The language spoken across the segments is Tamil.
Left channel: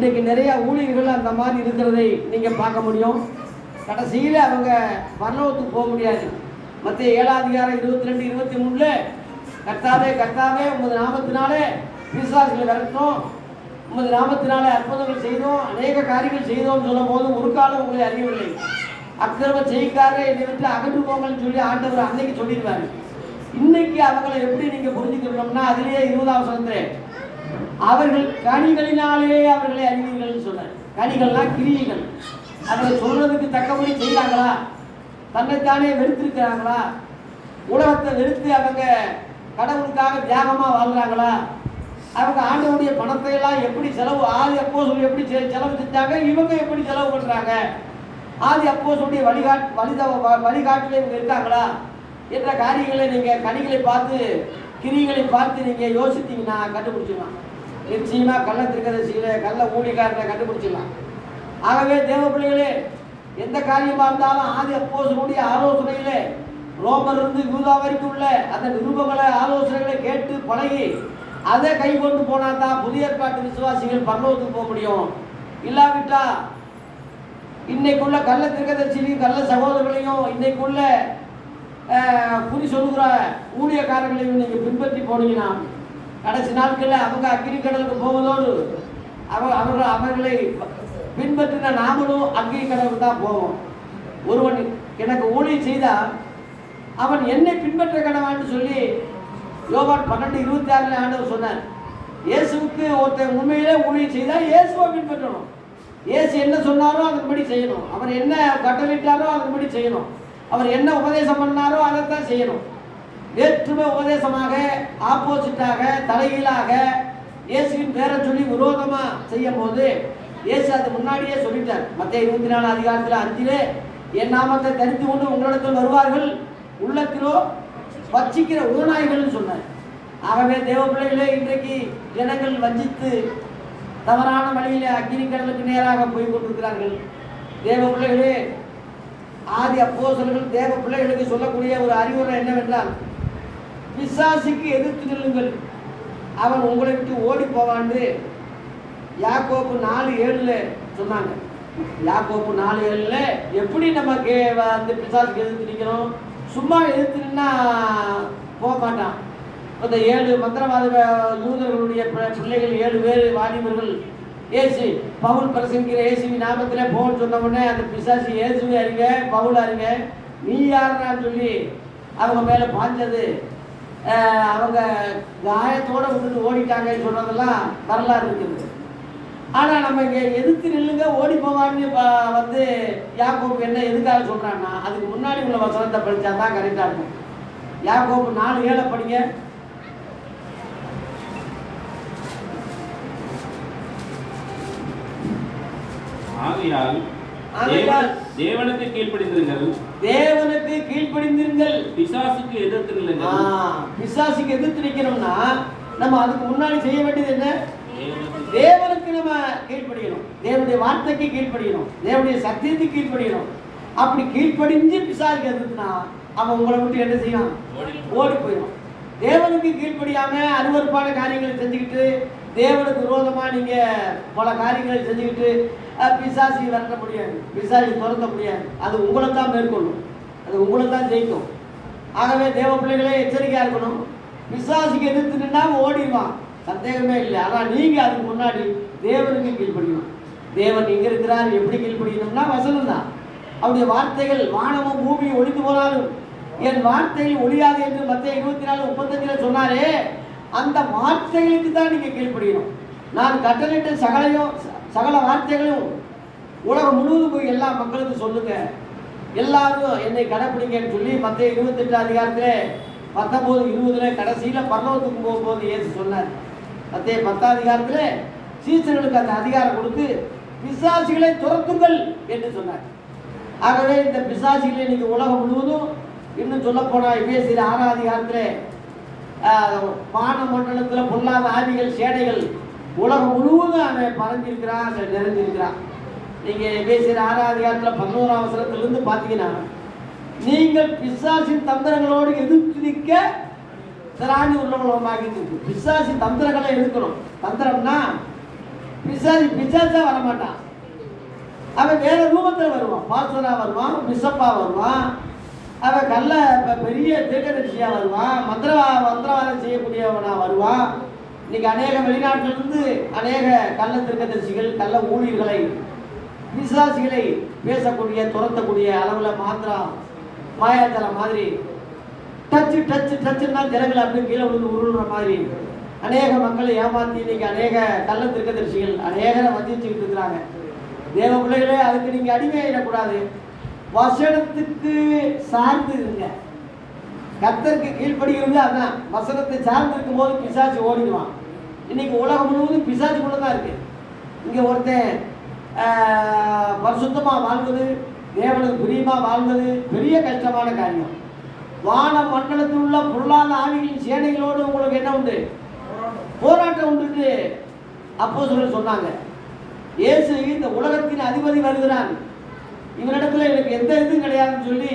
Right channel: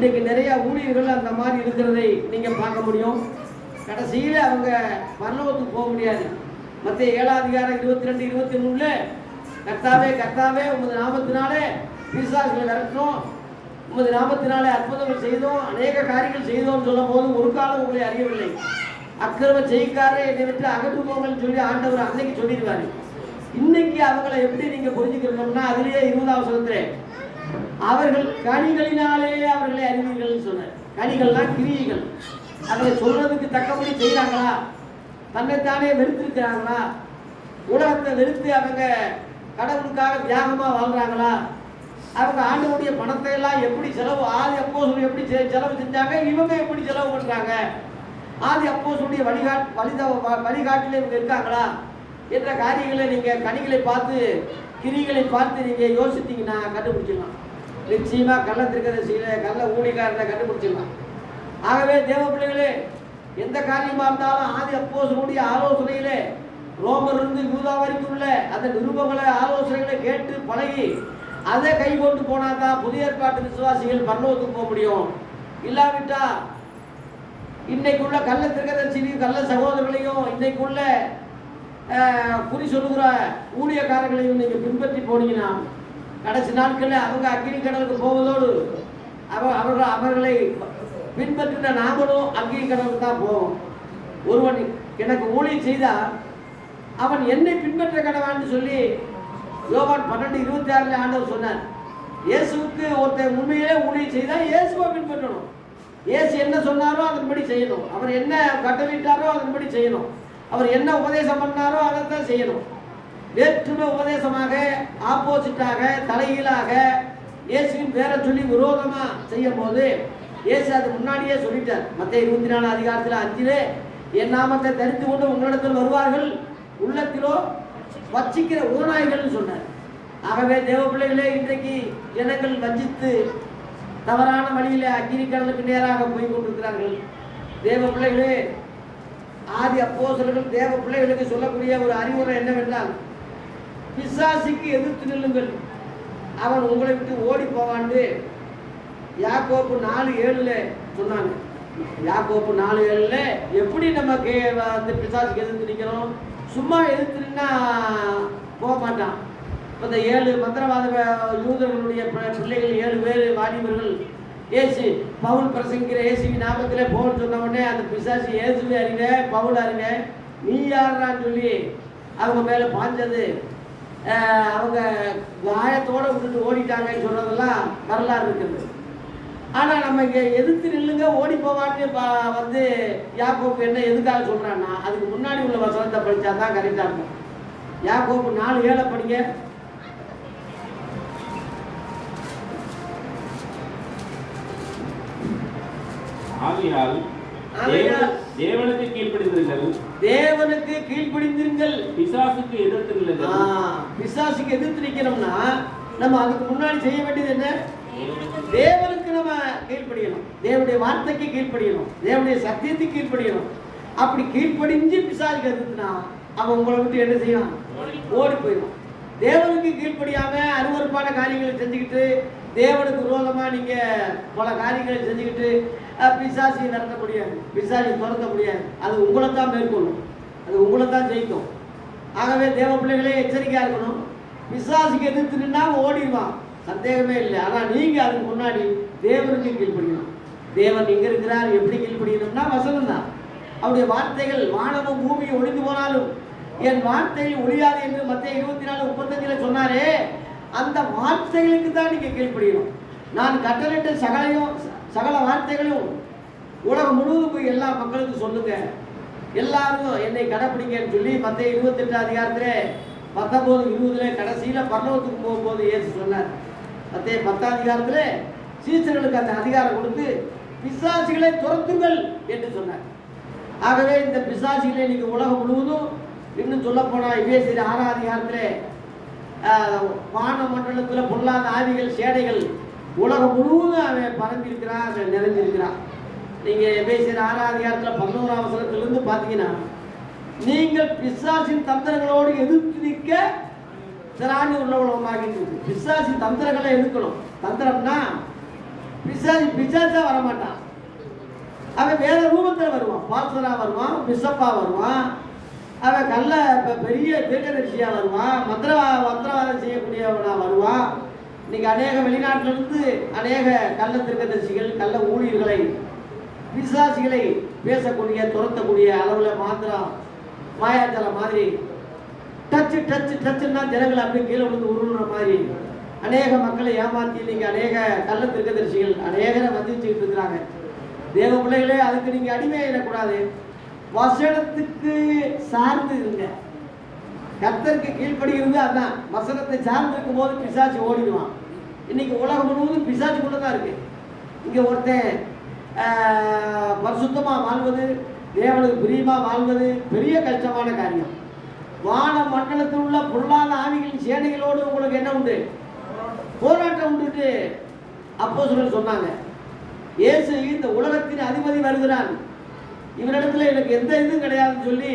இன்றைக்கி நிறையா ஊழியர்கள் அந்த மாதிரி இருக்கிறதை நீங்கள் பார்க்க முடியும். கடைசியில் அவங்க பரலோகத்துக்கு போக முடியாது. மத்திய 7:22-23 கர்த்தாவே கர்த்தாவே உமது நாமத்தினாலே பிசாசுகளை விரட்டணும், உமது நாமத்தினாலே அற்புதங்கள் செய்தோம், அநேக காரியங்கள் செய்தோம்னு சொல்லும் போது ஒரு காலம் உங்களை அறியவில்லை. அக்கிரம செய்காரே என்னை விட்டு அகன்று போங்கன்னு சொல்லி ஆண்டவர் அன்னைக்கு சொல்லிடுவார். இன்னைக்கு அவங்களை எப்படி நீங்கள் புரிஞ்சுக்கணும்னா அதிலேயே 20ஆம் வசனத்திலே அவர்கள் கனிகளினாலே அவர்களை அறிவீர்கள் சொன்னார். கனிகள்லாம் கிரியைகள். அவங்களை சொல்றதுக்கு தக்கபடி செய்கிறாங்களா, தன்னைத்தானே வெறுத்திருக்கிறாங்களா, உலகத்தை வெறுத்து அவங்க கடவுளுக்காக தியாகமாக வாழ்கிறாங்களா, அவங்க ஆண்டவருடைய பணத்தை எல்லாம் எப்படி செலவு, ஆதி அப்போஸ்தலர் எப்படி செலவு செஞ்சாங்க, இவங்க எப்படி செலவு பண்ணுறாங்க, ஆதி அப்போஸ்தலருடைய வழிகாட்டில் இவங்க இருக்காங்களா என்ற காரியங்களை நீங்கள் கனிகளை பார்த்து கிரிகளை பார்த்து நீங்கள் யோசித்தீங்கன்னா கண்டுபிடிச்சிடலாம். நிச்சயமாக கள்ள திருக்கதரிசியில கள்ள ஊழியக்காரனை கண்டுபிடிச்சிடலாம். ஆகவே தேவ பிள்ளைகளே, எந்த காரியமாக இருந்தாலும் ஆதி அப்போஸ்தலருடைய ஆலோசனையிலே ரோமரிலிருந்து யூதா வரைக்கும் உள்ள அந்த நிருபங்களை ஆலோசனைகளை கேட்டு பழகி அதை கை கொண்டு போனால் தான் புதிய ஏற்பாட்டு விசுவாசிகள் பரலோகத்துக்கு போக முடியும். இல்லாவிட்டா இன்னைக்குள்ள கள்ள திருக்கதரிசியையும் கள்ள சகோதரர்களையும் இன்னைக்குள்ள குறி சொல்லுகிற ஊழியக்காரர்களையும் நீங்கள் பின்பற்றி போனீங்கன்னா கடைசி நாட்களில் அவங்க அக்கினி கடலுக்கு போவதோடு அவர்களை பின்பற்றின நாமளும் அக்கினி கடலுக்கு தான் போவோம். ஒருவன் எனக்கு ஊழியம் செய்தால் அவன் என்னை பின்பற்ற கடவான்னு சொல்லி யோவான் 12:26 ஆண்டவர் சொன்னார். இயேசுவுக்கு ஒருத்தன் உண்மையிலே ஊழியம் செய்தால் இயேசுவை பின்பற்றணும். இயேசு என்ன சொன்னாரோ அதன்படி செய்யணும். அவர் என்ன கட்டளிட்டாரோ அதன்படி செய்யணும். அவர் என்ன உபதேசம் பண்ணாரோ அதைத்தான் செய்யணும். வேற்றுமை உபதேசமாக, ஆப்போசிட்டாக, தலைகீழாக இயேசுவின் பேரை சொல்லி விரோதமாக செய்யும் போது இயேசு அது முன்னாடியே சொல்லிட்டார். மத்திய 24:5 என் நாமத்தை தரித்து கொண்டு உங்களிடத்தில் வருவார்கள், உள்ளத்திலோ வச்சிக்கிற ஓநாய்கள்னு சொன்னார். ஆகவே தேவ பிள்ளைகளே, இன்றைக்கு ஜனங்கள் வஞ்சித்து தவறான வழியிலே அக்கினி கடலுக்கு நேராக போய் கொண்டிருக்கிறார்கள். தேவ பிள்ளைகளே, ஆதி அப்போஸ்தலர்கள் தேவ பிள்ளைகளுக்கு சொல்லக்கூடிய ஒரு அறிவுரை என்னவென்றால், பிசாசுக்கு எதிர்த்து நில்லுங்கள், அவன் உங்களை விட்டு ஓடி போவான்னு யாக்கோப்பு 4:7 சொன்னாங்க. யாக்கோப்பு 4:7 எப்படி நம்ம அந்த பிசாசுக்கு எதிர்த்து நிற்கிறோம்? சும்மா எதிர்த்து நின்னா போக மாட்டான். இந்த 7 மந்திரவாத யூதர்களுடைய பிள்ளைகள் 7 பேர் வாலிபர்கள் ஏசு பவுல் பிரசங்கிற இயேசுவி நாமத்திலே போன்னு சொன்ன உடனே அந்த பிசாசு இயேசுவை அறிங்க, பவுல் அறிங்க, நீ யாருன்னு சொல்லி அவங்க மேலே பாஞ்சது, அவங்க காயத்தோடு விட்டுட்டு ஓடிட்டாங்கன்னு சொன்னதெல்லாம் வரலாறு இருக்குது. ஆனால் நம்ம இங்கே எதிர்த்து நில்லுங்க ஓடி போவான்னு வந்து யாக்கோப்பு என்ன எதுக்காக சொல்கிறான்னா அதுக்கு முன்னாடி உள்ள வசனத்தை படித்தா தான் கரெக்டாக இருக்கும். யாக்கோப்பு 4:7 படிங்க. தேவனுக்கு கீழ்ப்படிந்திருங்கள், தேவனுக்கு கீழ்ப்படிந்திருங்கள், பிசாசுக்கு எதிர்த்து நில்லுங்கள். பிசாசுக்கு எதிர்த்து நிற்கணும்னா நம்ம அதுக்கு முன்னாடி செய்ய வேண்டியது என்ன? தேவனுக்கு நம்ம கீழ்ப்படியணும், தேவனுடைய வார்த்தைக்கு கீழ்ப்படியணும், தேவனுடைய சத்தியத்துக்கு கீழ்ப்படியணும். அப்படி கீழ்ப்படிஞ்சு பிசாசுக்கு எதிர்த்துனா அவன் உங்களை விட்டு என்ன செய்வான்? ஓடி போயிடும். தேவனுக்கு கீழ்ப்படியாம அருவருப்பான காரியங்களை செஞ்சுக்கிட்டு தேவனுக்கு விரோதமாக நீங்கள் பல காரியங்களை செஞ்சுக்கிட்டு பிசாசி விரட்ட முடியாது, பிசாசி துரத்த முடியாது. அது உங்களை தான் மேற்கொள்ளும், அது உங்களை தான் ஜெயிக்கும். ஆகவே தேவ பிள்ளைகளே எச்சரிக்கையாக இருக்கணும். பிசாசிக்கு எதிர்த்து நின்னா ஓடிடுவான், சந்தேகமே இல்லை. ஆனால் நீங்கள் அதுக்கு முன்னாடி தேவனுக்கு கீழ்ப்படியணும். தேவன் இங்கே இருக்கிறார், எப்படி கீழ்ப்படியணும்னா வசனம் தான். அவருடைய வார்த்தைகள் வானமும் பூமியும் ஒழிந்து போனாலும் என் வார்த்தைகள் ஒழியாது என்று மத்திய 24:35 சொன்னாரே, அந்த வார்த்தைகளுக்கு தான் நீங்கள் கீழ்ப்படியணும். நான் கட்டளையிட்ட சகல வார்த்தைகளும் உலகம் முழுவதும் போய் எல்லா மக்களுக்கும் சொல்லுங்க, எல்லாரும் என்னை கடைப்பிடிங்கன்னு சொல்லி மத்திய 28 19-20 கடைசியில் பரலோகத்துக்கு போகும்போது இயேசு சொன்னார். மத்திய 10 சீசர்களுக்கு அந்த அதிகாரம் கொடுத்து பிசாசிகளை துரத்துங்கள் என்று சொன்னார். ஆகவே இந்த பிசாசிகளை நீங்கள் உலகம் முழுவதும், இன்னும் சொல்ல போனால் எபேசியர் 6 வான மண்டலத்தில் பொல்லாத ஆவிகள் சேனைகள் உலகம் முழுவதும் அவன் பறந்திருக்கிறான், அதை நிறைஞ்சிருக்கிறான். நீங்கள் எபேசியர் 6 11 பார்த்தீங்கன்னா, நீங்கள் பிசாசின் தந்திரங்களோடு எதிர்த்து நிற்க திராணி உள்ளவளமாக இருக்கு. பிசாசின் தந்திரங்களை எதிர்க்கணும். தந்திரம்னா பிசாசா வரமாட்டான். அவன் வேற ரூபத்தில் வருவான். பாஸ்டரா வருவான், பிஷப்பா வருவான், அவன் பெரிய தீர்க்கதரிசியா வருவான், மந்திரவாதம் செய்யக்கூடியவனா வருவான். இன்னைக்கு அநேக வெளிநாட்டிலிருந்து அநேக கள்ள தீர்க்கதரிசிகள், கள்ள ஊழியர்களை, பிசாசிகளை பேசக்கூடிய, துரத்தக்கூடிய அளவில் மாயாஜலம் மாதிரி டச்சுன்னா ஜனங்களை அப்படியே கீழே விழுந்து உருளுற மாதிரி அநேக மக்களை ஏமாற்றி இன்னைக்கு அநேக கள்ள தீர்க்கதரிசிகள் அநேகரை வஞ்சிச்சுக்கிட்டு இருக்கிறாங்க. தேவ பிள்ளைகளே, அதுக்கு நீங்கள் அடிமையிடக்கூடாது. வசனத்துக்கு சார்ந்து இருங்க. கர்த்தருக்கு கீழ்ப்படுகிறது. அதான் வசனத்தை சார்ந்து இருக்கும் போது பிசாசு ஓடிடுவான். இன்னைக்கு உலகம் முழுவதும் பிசாசுக்குள்ள தான் இருக்கு. இங்கே ஒருத்தன் பரிசுத்தமாக வாழ்வது, தேவனுக்கு பிரியமாக வாழ்வது பெரிய கஷ்டமான காரியம். வான மண்டலத்தில் உள்ள பொருளாதார ஆவிகளின் சேனைகளோடு உங்களுக்கு என்ன உண்டு? போராட்டம் உண்டு. அப்போஸ்தலர் சொன்னாங்க, இயேசு இந்த உலகத்தின் அதிபதி வருகிறான், இவனிடத்துல எனக்கு எந்த இதுவும் கிடையாதுன்னு சொல்லி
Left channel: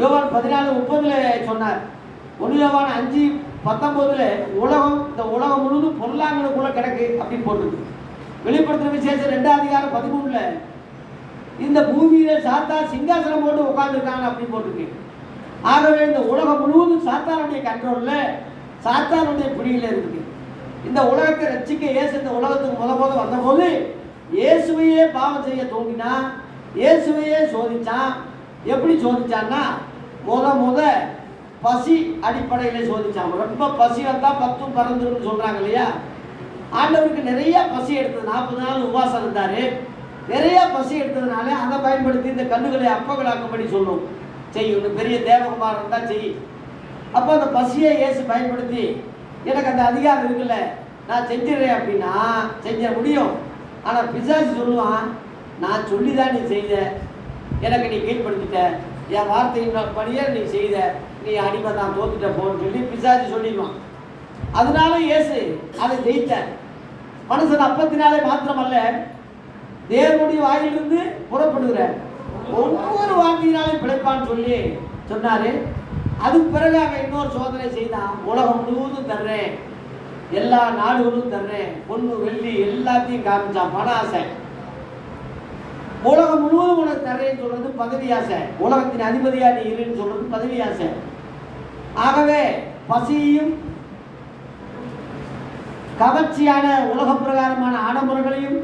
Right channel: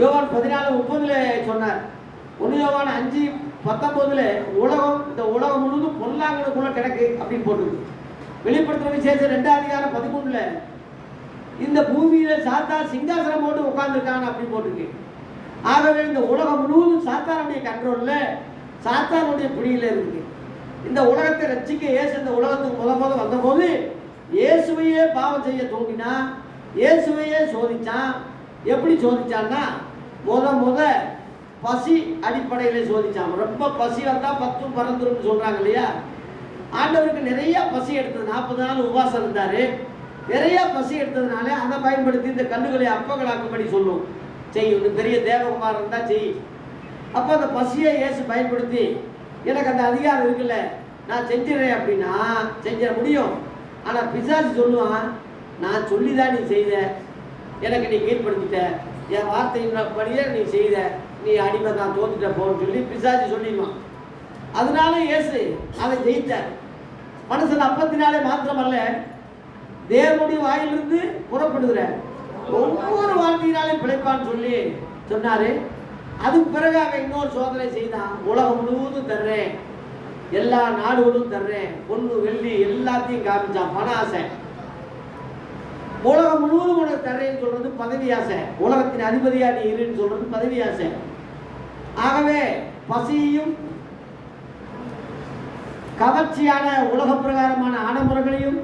யோவான் 14:30 சொன்னார். 1 யோவான் 5:19 இந்த உலகம் முழுவதும் பொல்லாங்கனுக்குள்ள கிடக்கு அப்படின்னு போட்டுருக்கு. வெளிப்படுத்தின விசேஷம் 2:13 இந்த பூமியில சாத்தான் சிங்காசனம் போட்டு உட்கார்ந்துருக்காங்க அப்படின்னு போட்டிருக்கு. ஆகவே இந்த உலகம் முழுவதும் சாத்தானுடைய கண்ட்ரோல்ல, சாத்தானுடைய பிடியில் இருக்கு. இந்த உலகத்தை ரட்சிக்க இயேசு இந்த உலகத்துக்கு முத வந்தபோது இயேசுவையே பாவம் செய்ய தோண்டினா, இயேசுவையே சோதிச்சான். எப்படி சோதிச்சான்னா, முத பசி அடிப்படையில் சோதிச்சான். ரொம்ப பசி வந்தால் 10 பறந்துருன்னு சொல்கிறாங்க இல்லையா? ஆண்டவருக்கு நிறைய பசி எடுத்தது. 40 நாள் உபவாசம் இருந்தார். நிறைய பசி எடுத்ததுனால அதை பயன்படுத்தி இந்த கண்ணுகளை அப்பங்களாக்கும்படி சொல்லும். செய்யும். பெரிய தேவகுமாரம் இருந்தால் செய். அப்போ அந்த பசியை இயேசு பயன்படுத்தி, எனக்கு அந்த அதிகாரம் இருக்குல்ல, நான் செஞ்சிடறேன் அப்படின்னா செஞ்சிட முடியும். ஆனால் பிசாசு சொல்லுவான், நான் சொல்லி தான் நீ செய்த, எனக்கு நீ கீழ்படுத்திட்ட, என் வார்த்தையின் படியே நீ செய்த, நீ அடிமை தான், தோத்துட்ட போன்னு சொல்லி பிசாசு சொல்லிடுவான். அதனால இயேசு அதை ஜெயித்தார். மனுஷன் அப்பத்தினாலே மாத்திரமல்ல, தேவனுடைய வாயிலிருந்து புறப்படுகிற ஒவ்வொரு வார்த்தையினாலும் பிழைப்பான்னு சொல்லி சொன்னாரு. அதுக்கு பிறகு அவன் இன்னொரு சோதனை செய்தான். உலகம் முழுவதும் தர்றேன், எல்லா நாடுகளும் தர்றேன், பொண்ணு வெள்ளி எல்லாத்தையும் காமிச்சான். பண ஆசை. உலகம் முழுவதும் உனக்கு தர்றேன்னு சொல்றது பதவி ஆசை. உலகத்தின் அதிபதியா நீ இருன்னு சொல்றது பதவி ஆசை. ஆகவே பசியும் கவர்ச்சியான உலக பிரகாரமான ஆடம்பரங்களையும்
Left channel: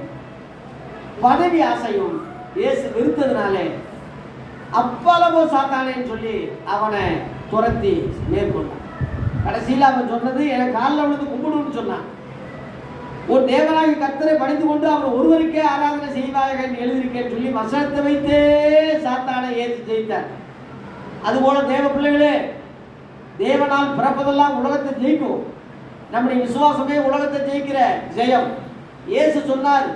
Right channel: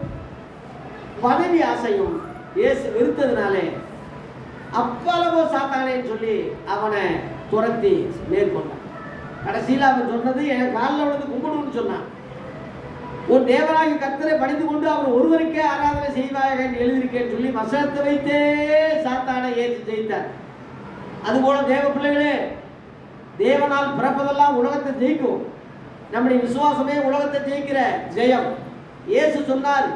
பதவி ஆசையும் இயேசு வெறுத்ததுனாலே அப்பளவோ சாத்தானேன்னு சொல்லி அவனை துரத்தி மேற்கொண்டான். கடைசியில் அவன் சொன்னது, எனக்கு காலில் விழுந்து கும்பிடுன்னு சொன்னான். ஒரு தேவனாகி கர்த்தரை பணிந்து கொண்டு அவர் ஒருவருக்கே ஆராதனை செய்வாயாக என்று எழுதியிருக்கேன்னு சொல்லி வசனத்தை வைத்தே சாத்தானை ஏற்றி ஜெயித்தார். அதுபோல தேவ பிள்ளைகளே, தேவனால் பிறப்பதெல்லாம் உலகத்தை ஜெயிக்கும். நம்முடைய விசுவாசமே உலகத்தை ஜெயிக்கிற ஜெயம். இயேசு சொன்னார்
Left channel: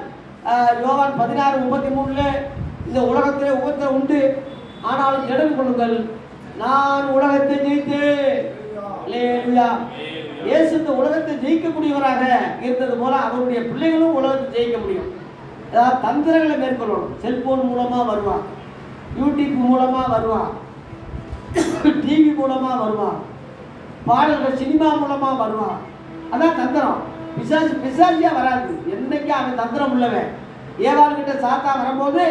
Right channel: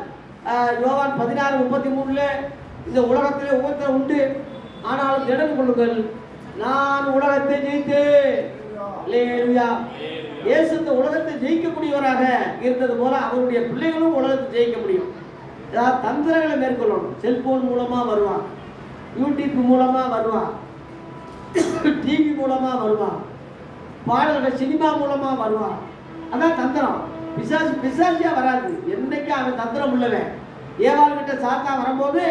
யோவான் 16:33 இந்த உலகத்திலே உபத்திரம் உண்டு, ஆனாலும் திடன் கொள்ளுங்கள், நான் உலகத்தை ஜெயித்தேன். அல்லேலூயா. இயேசு இந்த உலகத்தை ஜெயிக்கக்கூடியவராக இருந்தது போல அவருடைய பிள்ளைகளும் உலகத்தை ஜெயிக்க முடியும். ஏதாவது தந்திரங்களை மேற்கொள்ளணும். செல்போன் மூலமாக வருவான், யூடியூப் மூலமாக வருவான், டிவி மூலமாக வருவான், பாடல்கள் சினிமா மூலமாக வருவான். அதான் தந்திரம். பிசாசியா வராது. என்னைக்கு அவன் தந்திரம் உள்ளவன். ஏவாள்கிட்ட சாத்தா வரும்போது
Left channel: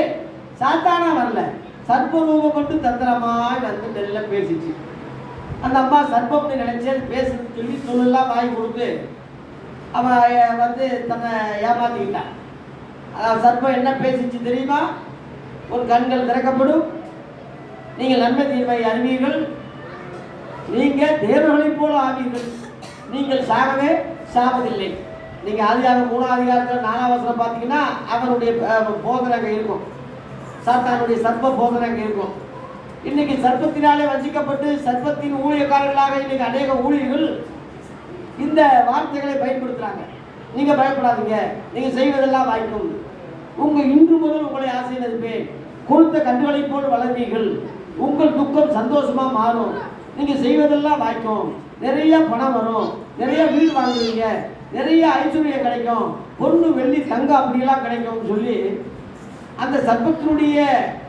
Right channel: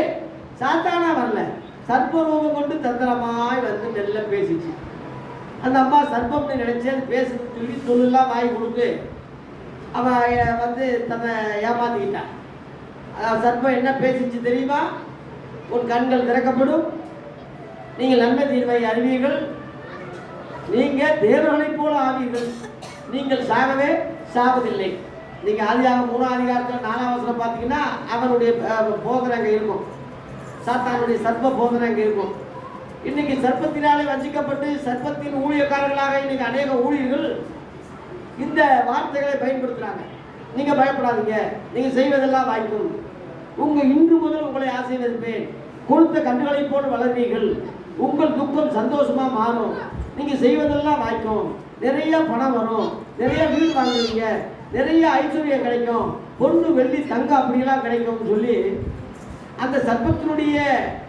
சாத்தானா வரல, சர்ப்பரூபம் கொண்டு தந்திரமாய் வந்து நெல்ல பேசிச்சு. அந்த அம்மா சர்ப்பம்னு நினைச்சு பேசுன்னு சொல்லலாம் வாங்கி கொடுத்து அவன் வந்து தன்னை ஏமாத்திக்கிட்டான். சர்ப்பம் என்ன பேசிச்சு தெரியுமா? உன் கண்கள் திறக்கப்படும், நீங்கள் நன்மை தீர்வை அறிவீர்கள், நீங்கள் தேவர்களைப் போல ஆவீர்கள், நீங்கள் சாகவே சாவதில்லை. நீங்கள் ஆதியாகமம் 3ஆம் அதிகாரத்தில் 4ஆம் வசனம் பார்த்தீங்கன்னா அவனுடைய போதனை அங்கே இருக்கும். சாத்தானுடைய சர்ப்ப போதனை அங்கே இருக்கும். இன்னைக்கு சர்ப்பத்தினாலே வஞ்சிக்கப்பட்டு சர்ப்பத்தின் ஊழியக்காரர்களாக இன்னைக்கு அநேக ஊழியர்கள் இந்த வார்த்தைகளை பயன்படுத்துகிறாங்க. நீங்கள் பயப்படாதீங்க, நீங்கள் செய்வதெல்லாம் வாய்க்கும், இன்று முதல் உங்களை ஆசீர்வதிப்பேன், கொடுத்த கன்றுகளைப் போல் வளர்வீர்கள், உங்கள் துக்கம் சந்தோஷமாக மாறும், நீங்கள் செய்வதெல்லாம் வாய்க்கும், நிறைய பணம் வரும், நிறைய வீடு வாங்குவீங்க, நிறைய ஐஸ்வர்யம் கிடைக்கும், பொண்ணு வெள்ளி தங்கம் அப்படிலாம் கிடைக்கும்னு சொல்லி அந்த சர்ப்பத்தினுடைய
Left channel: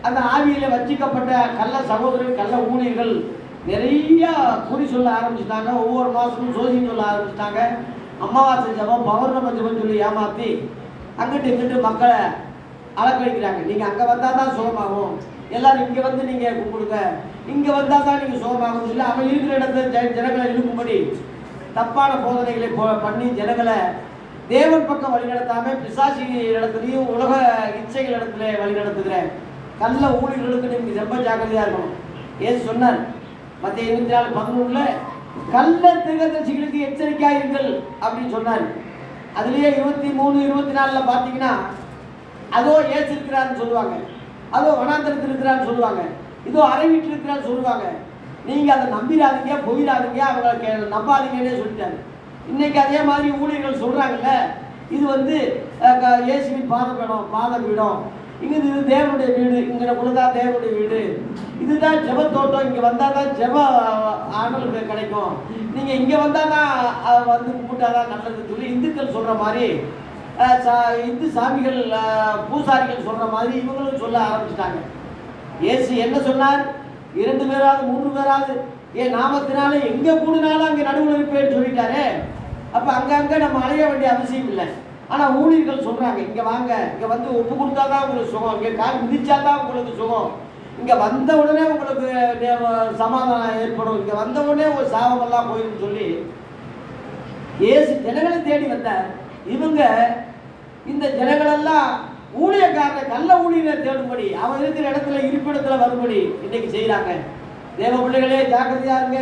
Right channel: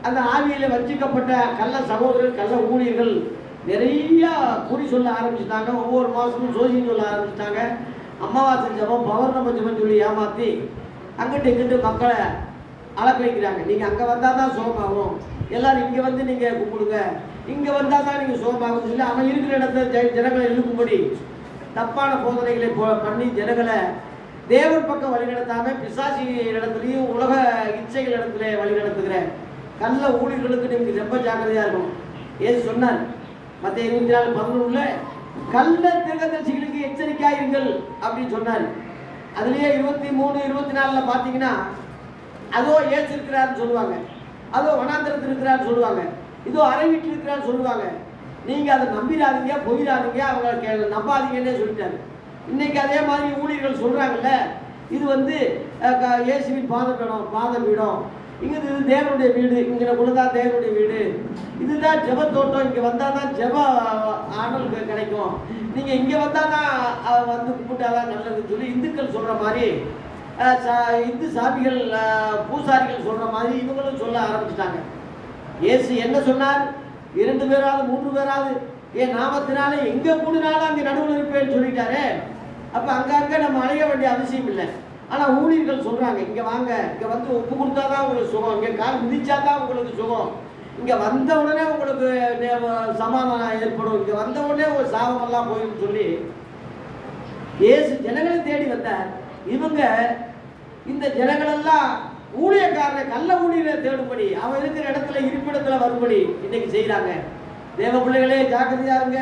அந்த ஆவியில் வஞ்சிக்கப்பட்ட கள்ள சகோதரர்கள், கள்ள ஊழியர்கள் நிறைய குறி சொல்ல ஆரம்பிச்சிட்டாங்க. ஒவ்வொரு மாதமும் ஜோசியம் சொல்ல ஆரம்பிச்சிட்டாங்க. அமாவாசை ஜபம் பௌர்ணமி ஜபம் சொல்லி ஏமாற்றி அங்கிட்டு இங்கிட்டு மக்களை அலக்கழிக்கிறாங்க. நீங்கள் அங்கே வந்தால் தான் சுகமாகும், எல்லாரும் இங்கே வந்து நீங்கள் கும்பிடுங்க, இங்கே வந்தால் தான் நீங்கள் சுகமாகும் சொல்லி அவன் இருக்கிற இடத்துல ஜனங்களை இருக்கும்படி தப்பான போதனைகளை பண்ணி ஜனங்களை தேவன் பக்கம் வழிநடத்தாமல் பிசாசி இடத்துலையும் உலக இச்சைகள் இடத்துல வழிநடத்துகிற கள்ள ஊழியர்களுக்கு நீங்கள் ரொம்ப ஜாக்கிரதையாக இருக்கணும். ஏது சொன்னார் மத்திய 24:11 கள்ள தீர்க்கதரிசிகளுக்கு எச்சரிக்கையாயிருங்கள் அப்படின்னு சொன்னார். அதுலேயே 23, 24 பார்த்தீங்கன்னா அதோ ஏசு இருக்கிறாருன்னு சொல்லுவாங்க, அதோ வனாந்தரத்தில் இருக்கிறான்னு சொல்லுவாங்க, இதோ அறை வீட்டில் இருக்கிறான்னு சொல்லுவாங்க. நீங்கள் அதை நம்பிடாதீங்க, போயிடாதீங்க, அவங்க நம்பாதீங்கன்னே சொல்லிட்டாரு. இன்னைக்கு அதே மாதிரி ஊழியர்கள் சொல்கிறாங்கல்ல, இது வந்து இயேசுவின் பாதபீடம், இங்கே இது தேவனுடைய வீடு, இங்கே உள்ளதான் தேவனுடைய வீடு, இதுதான் ஜெப தோட்டம், இங்கே வந்தால் தான் ஜெப ஆண்டலுக்கு கிடைக்கும், நீங்கள் இங்கே வந்தால் தான் வந்து கும்பிட்டாதான் நல்லதுன்னு சொல்லி இந்துக்கள் சொல்கிற மாதிரி இந்து சாமிகள் பூசாரிகள் சொல்கிற மாதிரி இவங்களும் சொல்ல ஆரம்பிச்சிட்டாங்க. இயேசு என்ன சொன்னார்? 2 பேராவது 3 பேராவது என் நாமத்தினால எங்கே கூடினாலும் அங்கே நடுவில் இருப்பேன்னு சொல்லிட்டாரு. அப்போ அங்கங்கே நம்ம அலைய வேண்டிய அவசியம் இல்லை. ஆனால் ஊழியர்கள் சொல்கிறாங்க, இங்கே வாங்க, இங்கே வந்து ஒப்பு கொடுத்தா தான் உங்களுக்கு சுகம், இங்கே கால் மிதிச்சா தான் உங்களுக்கு சுகம், இங்கே வந்த உடனே உங்களுக்கு சமாதானம் ஏற்படும், இங்கே வந்த உடனே ஒரு சாபமெல்லாம் போயிடும் சொல்லி இயேசு ஜனங்களை தேடி வந்தார். இவங்க இந்த ஜனங்களெல்லாம் ஊழியக்காரனை கள்ள ஊழியரை தேடும்படி அவன் இருக்கிற இடத்துல இருப்பிடத்தில் வரும்படி இன்னைக்கு செய்கிறாங்க. தேவ பிள்ளைகளே ஜாக்கிரதையா இருங்க.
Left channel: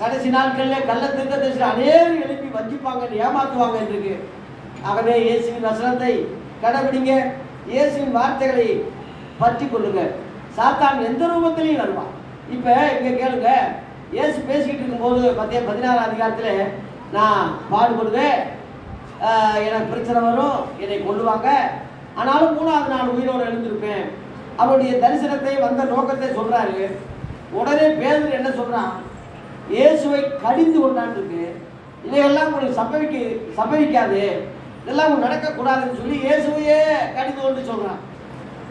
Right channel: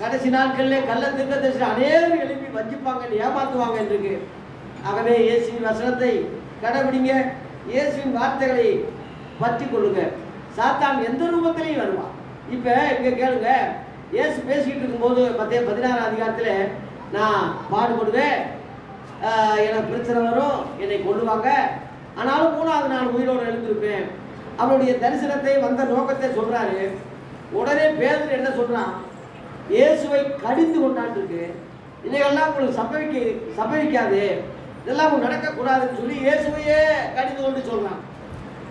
கடைசி நாட்களில் கள்ள தீர்க்கதரிசி அநேகர் எழுப்பி வஞ்சிப்பாங்க, ஏமாற்றுவாங்க இருக்கு. ஆகவே இயேசுவின் வசனத்தை கடைபிடிங்க, இயேசுவின் வார்த்தைகளை பற்றி கொள்ளுங்க. சாத்தான் எந்த ரூபத்திலையும் வருவான். இப்போ இங்கே கேளுங்க, இயேசு பேசிக்கிட்டு இருக்கும்போது மத்திய 16 அதிகாரத்தில் நான் பாடுபடுவேன், எனக்கு பிரச்சனை வரும், என்னை கொள்ளுவாங்க, ஆனாலும் 3ஆவது நாள் உயிரோடு எழுந்திருப்பேன். அவருடைய தரிசனத்தை வந்த நோக்கத்தை சொல்கிறாரு. உடனே பேதுரு என்ன சொல்கிறான்? இயேசுவை கடிந்து கொண்டான் இருக்கு, இதையெல்லாம் உங்களுக்கு சம்பவிக்காது, இதெல்லாம் உங்களுக்கு நடக்கக்கூடாதுன்னு சொல்லி இயேசுவையே கடிந்து கொண்டு சொல்கிறான்.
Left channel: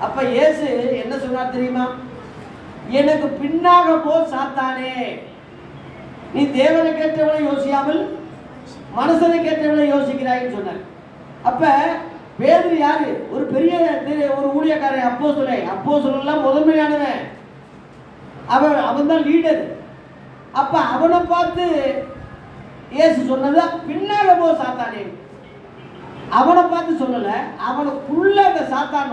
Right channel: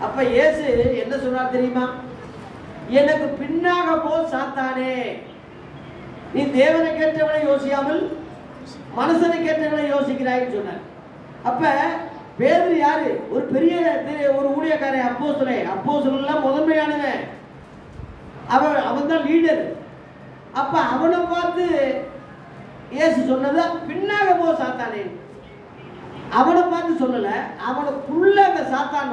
அப்போ இயேசு என்ன சொல்றார் தெரியுமா? எனக்கு பின்னாக போ சாத்தானே, நீ தேவனை கேட்டவனை யோசியாமல் மனுஷனை கேட்டவனை யோசிக்கிறாய்ன்னு சொன்னார். அப்போ பேதுரு யாரு? ஒரு பெரிய ஒரு ஊழியக்காரன், அப்போஸ்தலன் முதன்மையானவன், அவன் தான் லீடர். அப்போ அவனை பார்த்து இயேசு சொன்னது பின்னாக போ சாத்தானே. அவனை பார்த்து சொல்லலை, அவனுக்குள்ள அந்த சாத்தான்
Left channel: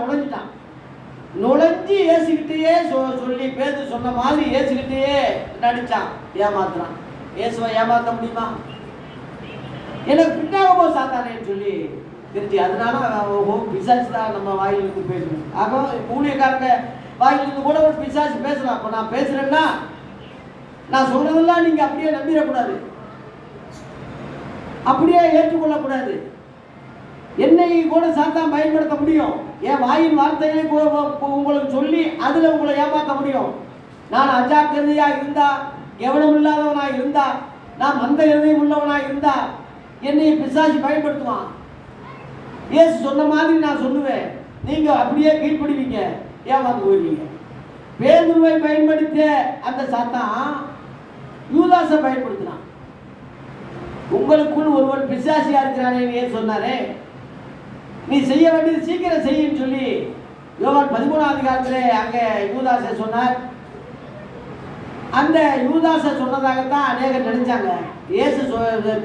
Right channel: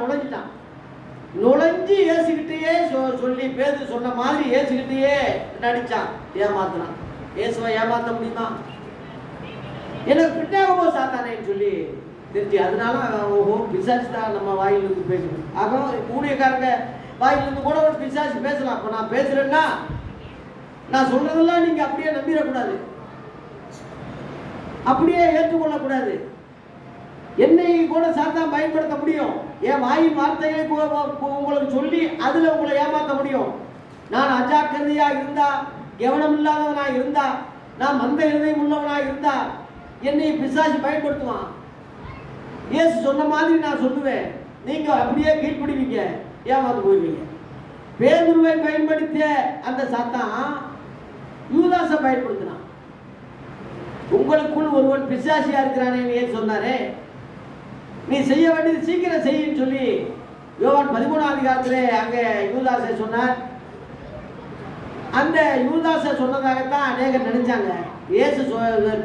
நுழைஞ்சு இயேசுகிட்டேயே சொல்லி பேதுரு சொன்ன மாதிரி இயேசுகிட்டேயே நடிச்சான், ஏமாத்துறான். இயேசுவை ஏமாற்ற முடியுமா? எனக்கு பின்னாக போ சாத்தானேன்னு சொல்லி தெரிஞ்சு, அதனால பிசாசு தான் நம்ம வாயிலிருந்து பேசணும். ஆக ஊழியக்காரங்க வாயிலிருந்து கூட ஒரு பிசாசு பேசலாம். அப்போ நான் பேசுகிறேன்னா நான் சொல்கிறதெல்லாம் நீங்கள் அப்படியே நம்பிடக்கூடாது, அப்படியே ஏற்றுக்கொள்ளக்கூடாது. என்னை கூட சாத்தான் பயன்படுத்த முடியும், என் வாயின் வார்த்தைகளை உங்களுக்கு சொல்லி அதில் உங்களை ஏமாற்ற முடியும். நான் அஜாக்கிரதையாக இருந்தா, கவனம் இல்லாதவனாக இருந்தா, நான் மந்த இருதயம் உள்ளவனாக இருந்தா என்னை பிசாசு பயன்படுத்துவான். இயேசு சொன்ன மாதிரி நான் சொல்லுவேன், நீங்கள் அப்படியே கீழ்ப்படுவீங்க, ஏமாந்து போயிடுவீங்க. பேதுருவை பயன்படுத்திய அந்த சாத்தான் யூதாசை பயன்படுத்தினான். உங்களுக்குள் ஒருவன் பிசாசியா இருக்கிறானே ஏன் சொன்னாரே, நீ செய்ய வேண்டியது சீக்கிரம் செய்யுன்னு சொல்லி யோவான் 13ஆம் அதிகாரத்தில் அங்கே யூதாசை சொன்னார். அந்த யூதாசை சொன்னதாகத்தான் அநேகர் நினைச்சாங்க. இயேசு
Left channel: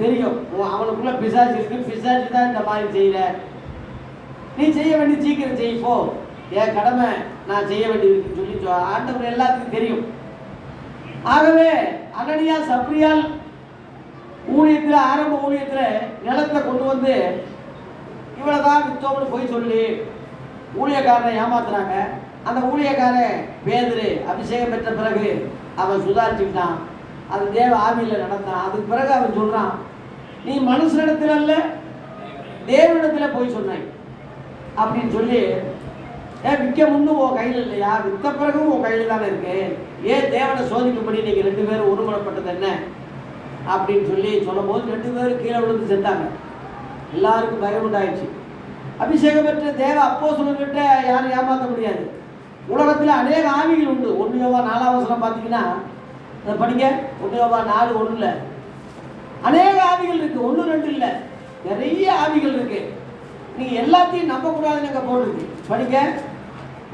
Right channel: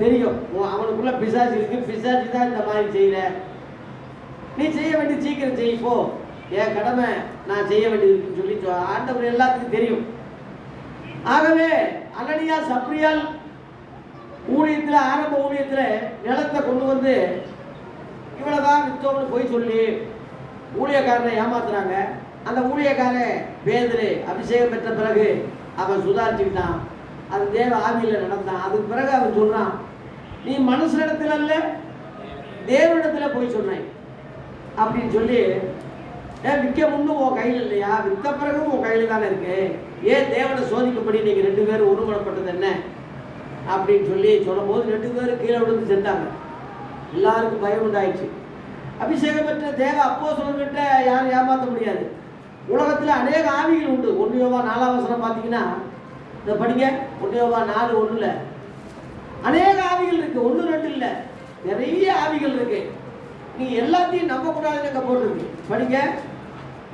தெரியும் அவனுக்குள்ள பிசாசு இருக்கு, பிசாசு தான் இந்த மாதிரி செய்யற, நீ செய்ய வேண்டியது சீக்கிரம் செய்யப்போ, என் கடமை நான் செய்ய வேண்டியதுன்னு சொல்லி ஆண்டவர் எல்லாத்துக்கும் தெரியும். ஆகவே அனனியா சப்ரியால் ஊழியத்தில், ஆரம்ப ஊழியத்தில் நிலத்தை கொண்டு வந்து இவ்வளோதான் வித்தோம்னு போய் சொல்லி ஊழியக்காரனை ஏமாத்துறாங்க. அந்த ஊழியக்காரன் பேதுரு அபிஷேகம் பெற்ற பிறகு அவன் சுதாரிச்சுக்கிட்டான், அது தேவ ஆவியில் நடந்தான். அதுக்கு பிறகு அவன் சொல்கிறான், நீ மனுஷனிடத்தில் அல்ல தேவனிடத்தில் போய் சொன்னாய் அப்படின்னு சொல்லி, ஏன் விற்க முன்னும் உன் கையில் இல்லையா, விற்ற பிறகும் உன் கையில் தானே இருக்கு, ஏன் தேவனை சோதிக்கும்படி நீங்கள் 2 பேரும் ஒருமனப்பட்டது என்ன அப்படின்னு சொல்லி சொல்லும் போது 2 பேரும் கீழே விழுந்து செத்தாங்க. எல்லாருக்கும் பயம் உண்டாயிடுச்சு. அபிஷேகம் பெற்ற தேவ அப்போஸ்தலர்கிட்ட யாரும் ஏமாற்ற முடியாது. உலகத்தில் அநேக ஆவிகள் உண்டு. 1 யோவான் 4ஆம் வசனம் பார்த்தீங்கன்னா படிங்க, 1 யோவான் 4:1 அநேக ஆவிகள் இருக்கு, 1 2 இல்லை. நிறைய ஆவிகள் இருக்கு. நீங்க எல்லாத்தையும் நம்ப கூடாதுன்னு அங்க போட்டிருக்கு. படிங்க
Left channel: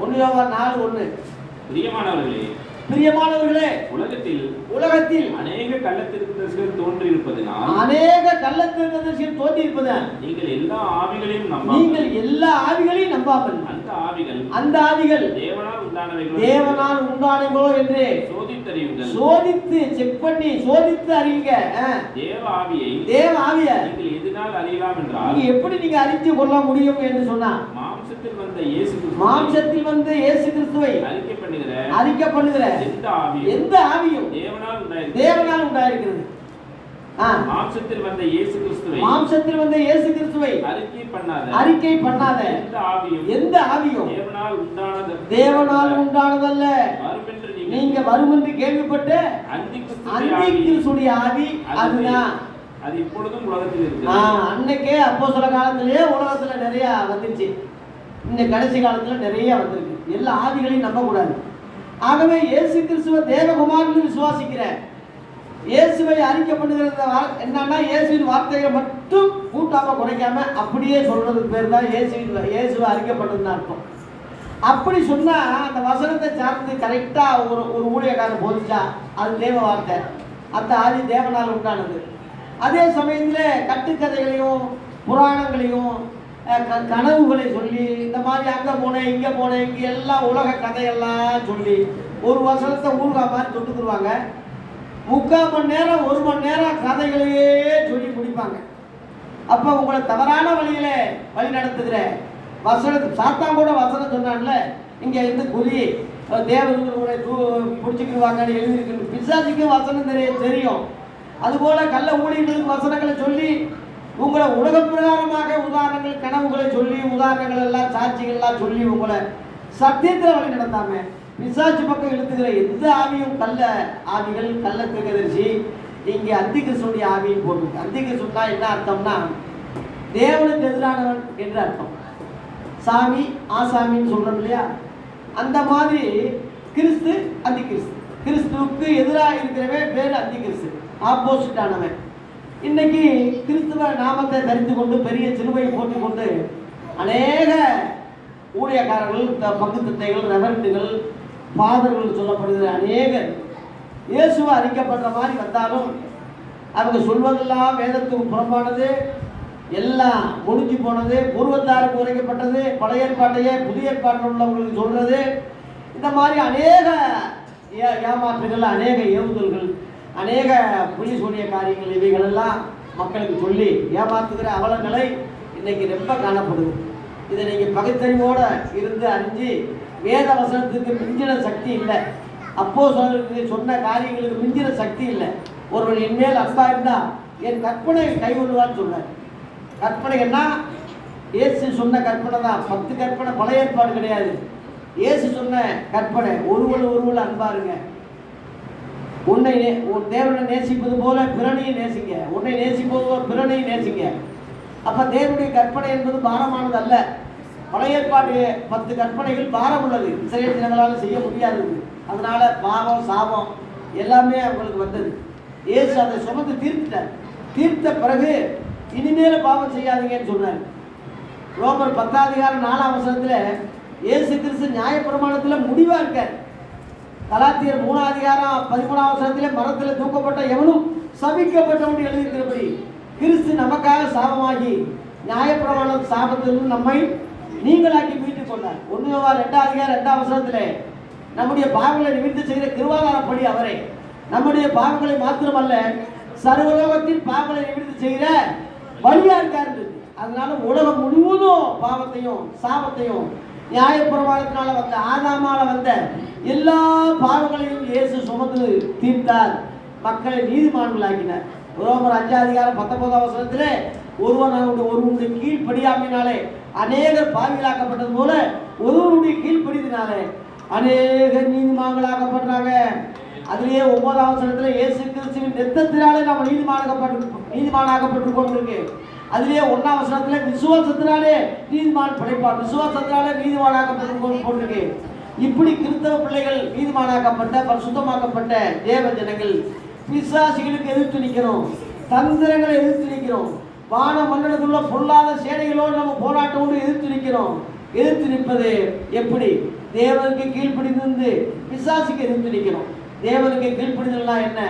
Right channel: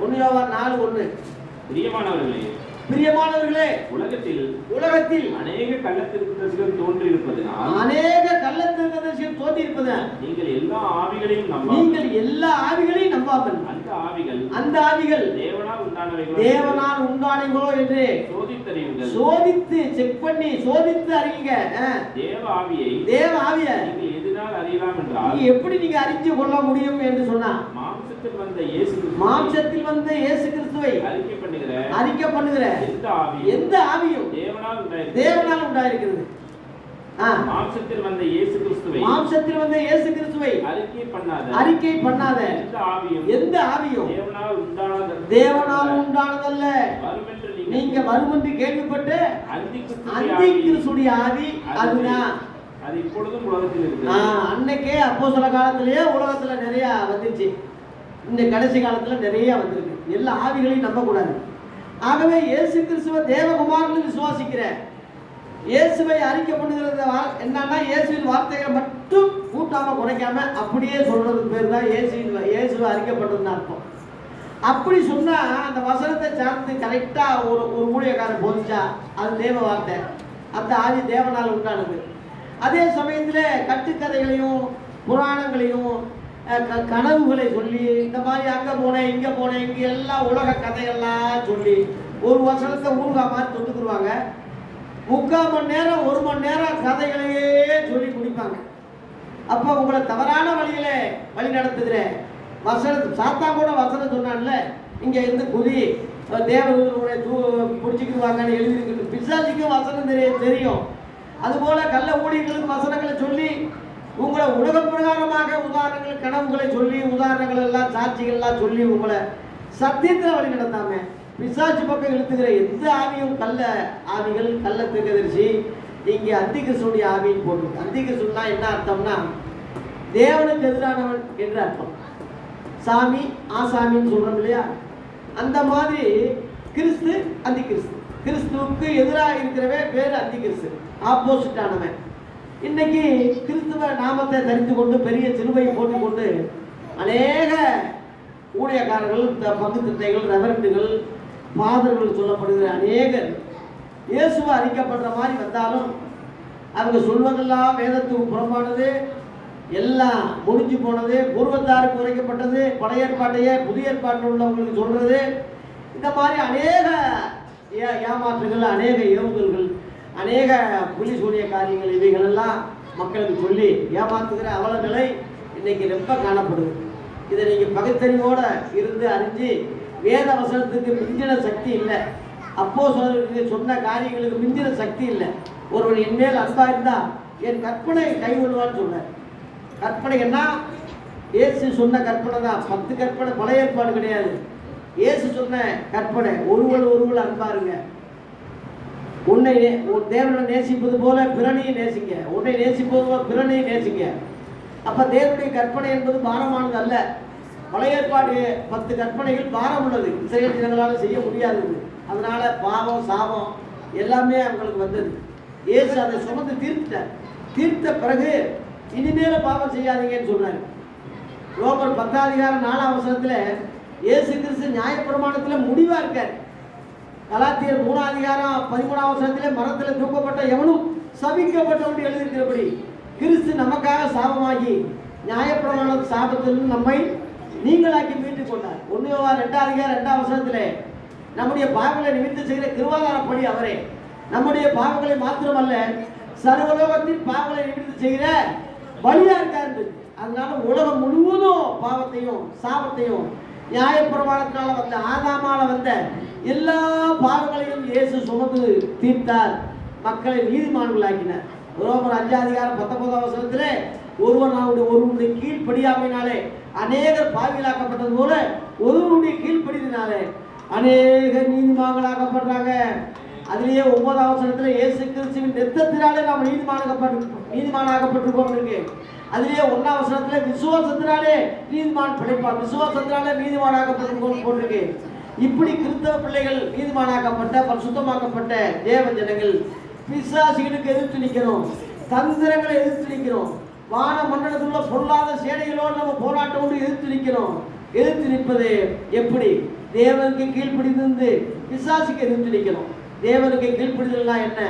1 யோவான் 4:1. பிரியமானவர்களே, பிரியமானவர்களே, உலகத்தில் அநேக கள்ளத்தீர்க்கதரிசிகள் தோன்றியிருப்பதினால் தோன்றியிருப்பதால் நீங்கள் எல்லா ஆவிகளையும் நம்பாமல் அந்த ஆவிகள் தேவனால் உண்டானவைகளோ என்று சோதித்து செக் பண்ணி சோதித்து அறியுங்க. தேவ ஆவியை நீங்க எப்படி நீங்க அறிஞ்சு கொள்ள முடியும் என்று சொன்னா, மாம்சத்தில் வந்த இயேசு கிறிஸ்துவை அறிக்கை பண்ணுகிற எந்த ஆவியும் தேவனால் உண்டாயிருக்கிறது. மாம்சத்தில் வந்த இயேசு கிறிஸ்துவை அறிக்கை பண்ணாத எந்த ஆவியும் தேவனால் உண்டானதல்ல. நீங்க வரும் என்று கேள்விப்பட்ட அந்திகிறிஸ்துடைய ஆவி அதுதான். அது இப்பொழுதும் உலகத்தில் இருக்கு. அன்னைக்கே அப்போஸ்தல காலத்திலேயே உலகத்துல நிறைய வந்துருச்சு. இந்த கடைசி காலத்துல நிறைய வந்திருக்கு. எல்லா ஆவிகளையும் நம்ப கூடாது. ஆகவே இயேசு கிறிஸ்துவ தேவகுமாரன்னு விசுவாசிக்கிற, இயேசுவை அறிக்கை பண்ணுகிறது என்னன்னா, இயேசுவின் வார்த்தைகளை மட்டும் கூட்டாம குறைக்காம அப்படியே சொல்றதுக்கு பேர் தான் இயேசுவை அறிக்கை பண்ணுறதுன்னு அர்த்தம். அப்படி சொன்னா அந்த வசனத்தை சார்ந்து கரெக்டா ஒரு ஊழியக்காரன் போதிச்சா அது தேவ வார்த்தை, அந்த ஆவி தேவனால் உண்டானது. அதே சமயத்தில் கட்டுக்கதைகளையும் புராணங்களையும் கனவுகளை சொல்லி இந்த மாதிரி அங்கே போனேன் இங்கே போனேன் இங்கே எல்லாம் உலக கதையெல்லாம் சொல்லி ஒரு வசனத்தை ஊர்கா மாதிரி தொட்டுக்குருவாங்க. 3/4 மணி நேரம் 1 மணி நேரம் கதைகளையே சொல்லி முடிப்பாங்க. அப்போ உங்களை தவறான வழியில வழி நடத்துகிற சாத்தான் கூட வசனம் சொன்னான்ல, இங்கே இருந்து குதி தேவர்களை பிடிச்சிக்கிடுவாங்கன்னு எழுதியிருக்கு. பிசாசுக்கும் வசனம் தெரியும். அதுபோல கள்ள ஊழியர்களுக்கு வசனங்களை சொல்லி உங்களை உலக பிரகாரமாக உதாரணங்கள் கனவுகளை சொல்லி உதாரணங்கள் எல்லாம் சாட்சிகள்லாம் சொல்லி உங்களை சத்தியத்தில் வழி நடத்தாம பிசாசு பக்கம் இழுத்துக்கிற எந்த ஆவியும் கள்ள ஆவிகள் கள்ள தீர்க்கதரிசி இங்கே அந்திகிறிஸ்துடைய ஆவின்னு போட்டு. அந்திகிறிஸ்துன்னா என்ன அர்த்தம்னா தேவனுக்கு எதிரானவன் என்று அர்த்தம். சாமி ஆசாமின்னு சொல்றோம் இல்லையா, அந்த மாதிரி கிறிஸ்து அந்திகிறிஸ்து. கிறிஸ்துவுக்கு எதிராக இருக்கிறவே பேர் அந்திகிறிஸ்து, ஆப்போசிட் ஆனவன். இன்னைக்கு கிறிஸ்துவ நாமத்தை தரித்து கொண்டு பெரிய சிலுவை போட்டுக்கொண்டு அநேக ஊழியக்காரர்கள் பங்கு தந்தைகள் ரெவரண்டுகள் ஃபாதர்கள் சொல்லப்படுகிற அநேகர் இயேசுவை அறிக்கப்படுற மாதிரி வந்தாலும் அவங்க சொல்வதெல்லாம் வேதத்துக்கு புறம்பானது, எல்லாம் முடிஞ்சு போனது, பூர்வத்தாருக்கு உரைக்கப்பட்டது, பழைய ஏற்பாட்டையே புதிய ஏற்பாட்டில் உள்ளவங்களுக்கு சொல்றது, இந்த மாதிரி அநேக ஏமாற்றுகள், அநேக ஏவுதல்கள், அநேக புள்ளி சொல்லிய காரியங்கள் இவைகளெல்லாம் மக்களுக்கு சொல்லி ஏமாத்துகிற அவல நிலை இன்னைக்கு ரொம்ப காணப்படுது. இதை நீங்கள் பகுத்தறிவோடு இருந்து அறிஞ்சு வேத வசனத்துக்கு மிஞ்சின சக்தி இல்லை, அப்போஸ்தலருக்கு சொன்ன காரியங்களுக்கு மிஞ்சின சக்தி இல்லை. ஒருவன் என்மேல் அன்பா இருந்தால் என் கற்பனை கைகொள்வான்னு சொன்னார். கற்பனைன்னா இயேசு சொன்ன கற்பனை தான். 10 கற்பனை பழைய ஏற்பாடு கிடையாது. இயேசு சொன்ன கற்பனை ஒருவள் அன்பா இருங்க, உன்னை தேவனை நேசிப்பது போல பிறனையும் நேசிங்க, உன்னை நேசிப்பது போல பிறனையும் நேசிங்க. அப்போ தேவனுடைய கற்பனை என்பது பாரமானது அல்ல. பழைய ஏற்பாடு 10 கற்பனைகள் பாரம் உள்ளது, இஸ்ரவேல் ஜனங்களால் செய்ய முடியாதது. அதனால பாவம் சாபம் எல்லாமே அவங்களுக்கு வந்தது. இயேசு அதை சுமந்து தீர்த்துட்டார். தீர்த்த பிறகு இனிமேல் பாவம் செய்யாதீங்கன்னு சொன்னார். ரோமர் 10:4 இயேசு கிறிஸ்து நியாயப்பிரமாணத்தில் முடிவாக இருக்கார். கலாத்தியர் 3:13 மரத்தில் தூக்கப்பட்ட எவனும் சபிக்கப்பட்டவன் எழுதியிருக்கிறபடி கிறிஸ்து நமக்காக சாபமாகி நியாயப்பிரமாண சாபத்திலிருந்து நம்மை நீங்களாக்கி மீட்டுக் கொண்டார். 1 யோவான் 2:2 நம்முடைய பாவங்களை நிவர்த்தி செய்கிற கிருபாதாரப்படி அவரே நம்முடைய பாவங்களை மாத்திரமல்ல சர்வலோகத்தின் பாவங்களை நிவர்த்தி செய்கிற வழியா இருக்காரு. அதனால உலகம் முழுவதும் பாவத்தையும் சாபத்தையும் நியாயப்பிரமாணத்தினால வந்த ஆதாமால வந்த எல்லா பாவங்களையும் இயேசு சுமந்து தீர்த்தார், மக்களை நீதிமான்களாக்கினார். ரோமர் 5:19 ஒருவனுடைய கீழ்ப்படியாமையினாலே அநேகர் பாவிகளாக்கப்பட்டது போல ஒருவனுடைய கீழ்ப்படிதினாலே அநேகர் நீதிமான்களாக்கப்படுறாங்க. அதுலேயே 9 இயேசு கிறிஸ்துவின் ரத்தத்தினாலே நாம் நீதிமானாக்கப்பட்டிருக்கோம் இருக்கு. அதுலேயே 1 விசுவாசத்தினாலே நீதிமான் படைப்பார், விசுவாசத்தினாலே நீதிமானாக்கப்பட்டிருக்கோம் போட்டிருக்கு. இப்படி கிறிஸ்தவ பிள்ளைகள் நீதிமானாக்கப்பட்ட பரிசுத்தமாக்கப்பட்ட தேவ ஜனங்கள் பிசாசுகளுக்கு எதிர்த்து நிற்கிறோம், தந்திரங்களை எதிர்த்து நிற்கிறோம், வான மண்டலத்தில் உள்ள பொல்லாத சேனைகளோடு நம்ம போராட்டோடு எதிர்த்து நிற்கிறோம். எதிர்த்து நிற்பது எப்படி? தேவனுக்கு கீழ்ப்படிந்து பிசாசுக்கு எதிர்த்து நிற்கிறோம். தேவனுக்கு கீழ்ப்படிதல்னா என்ன?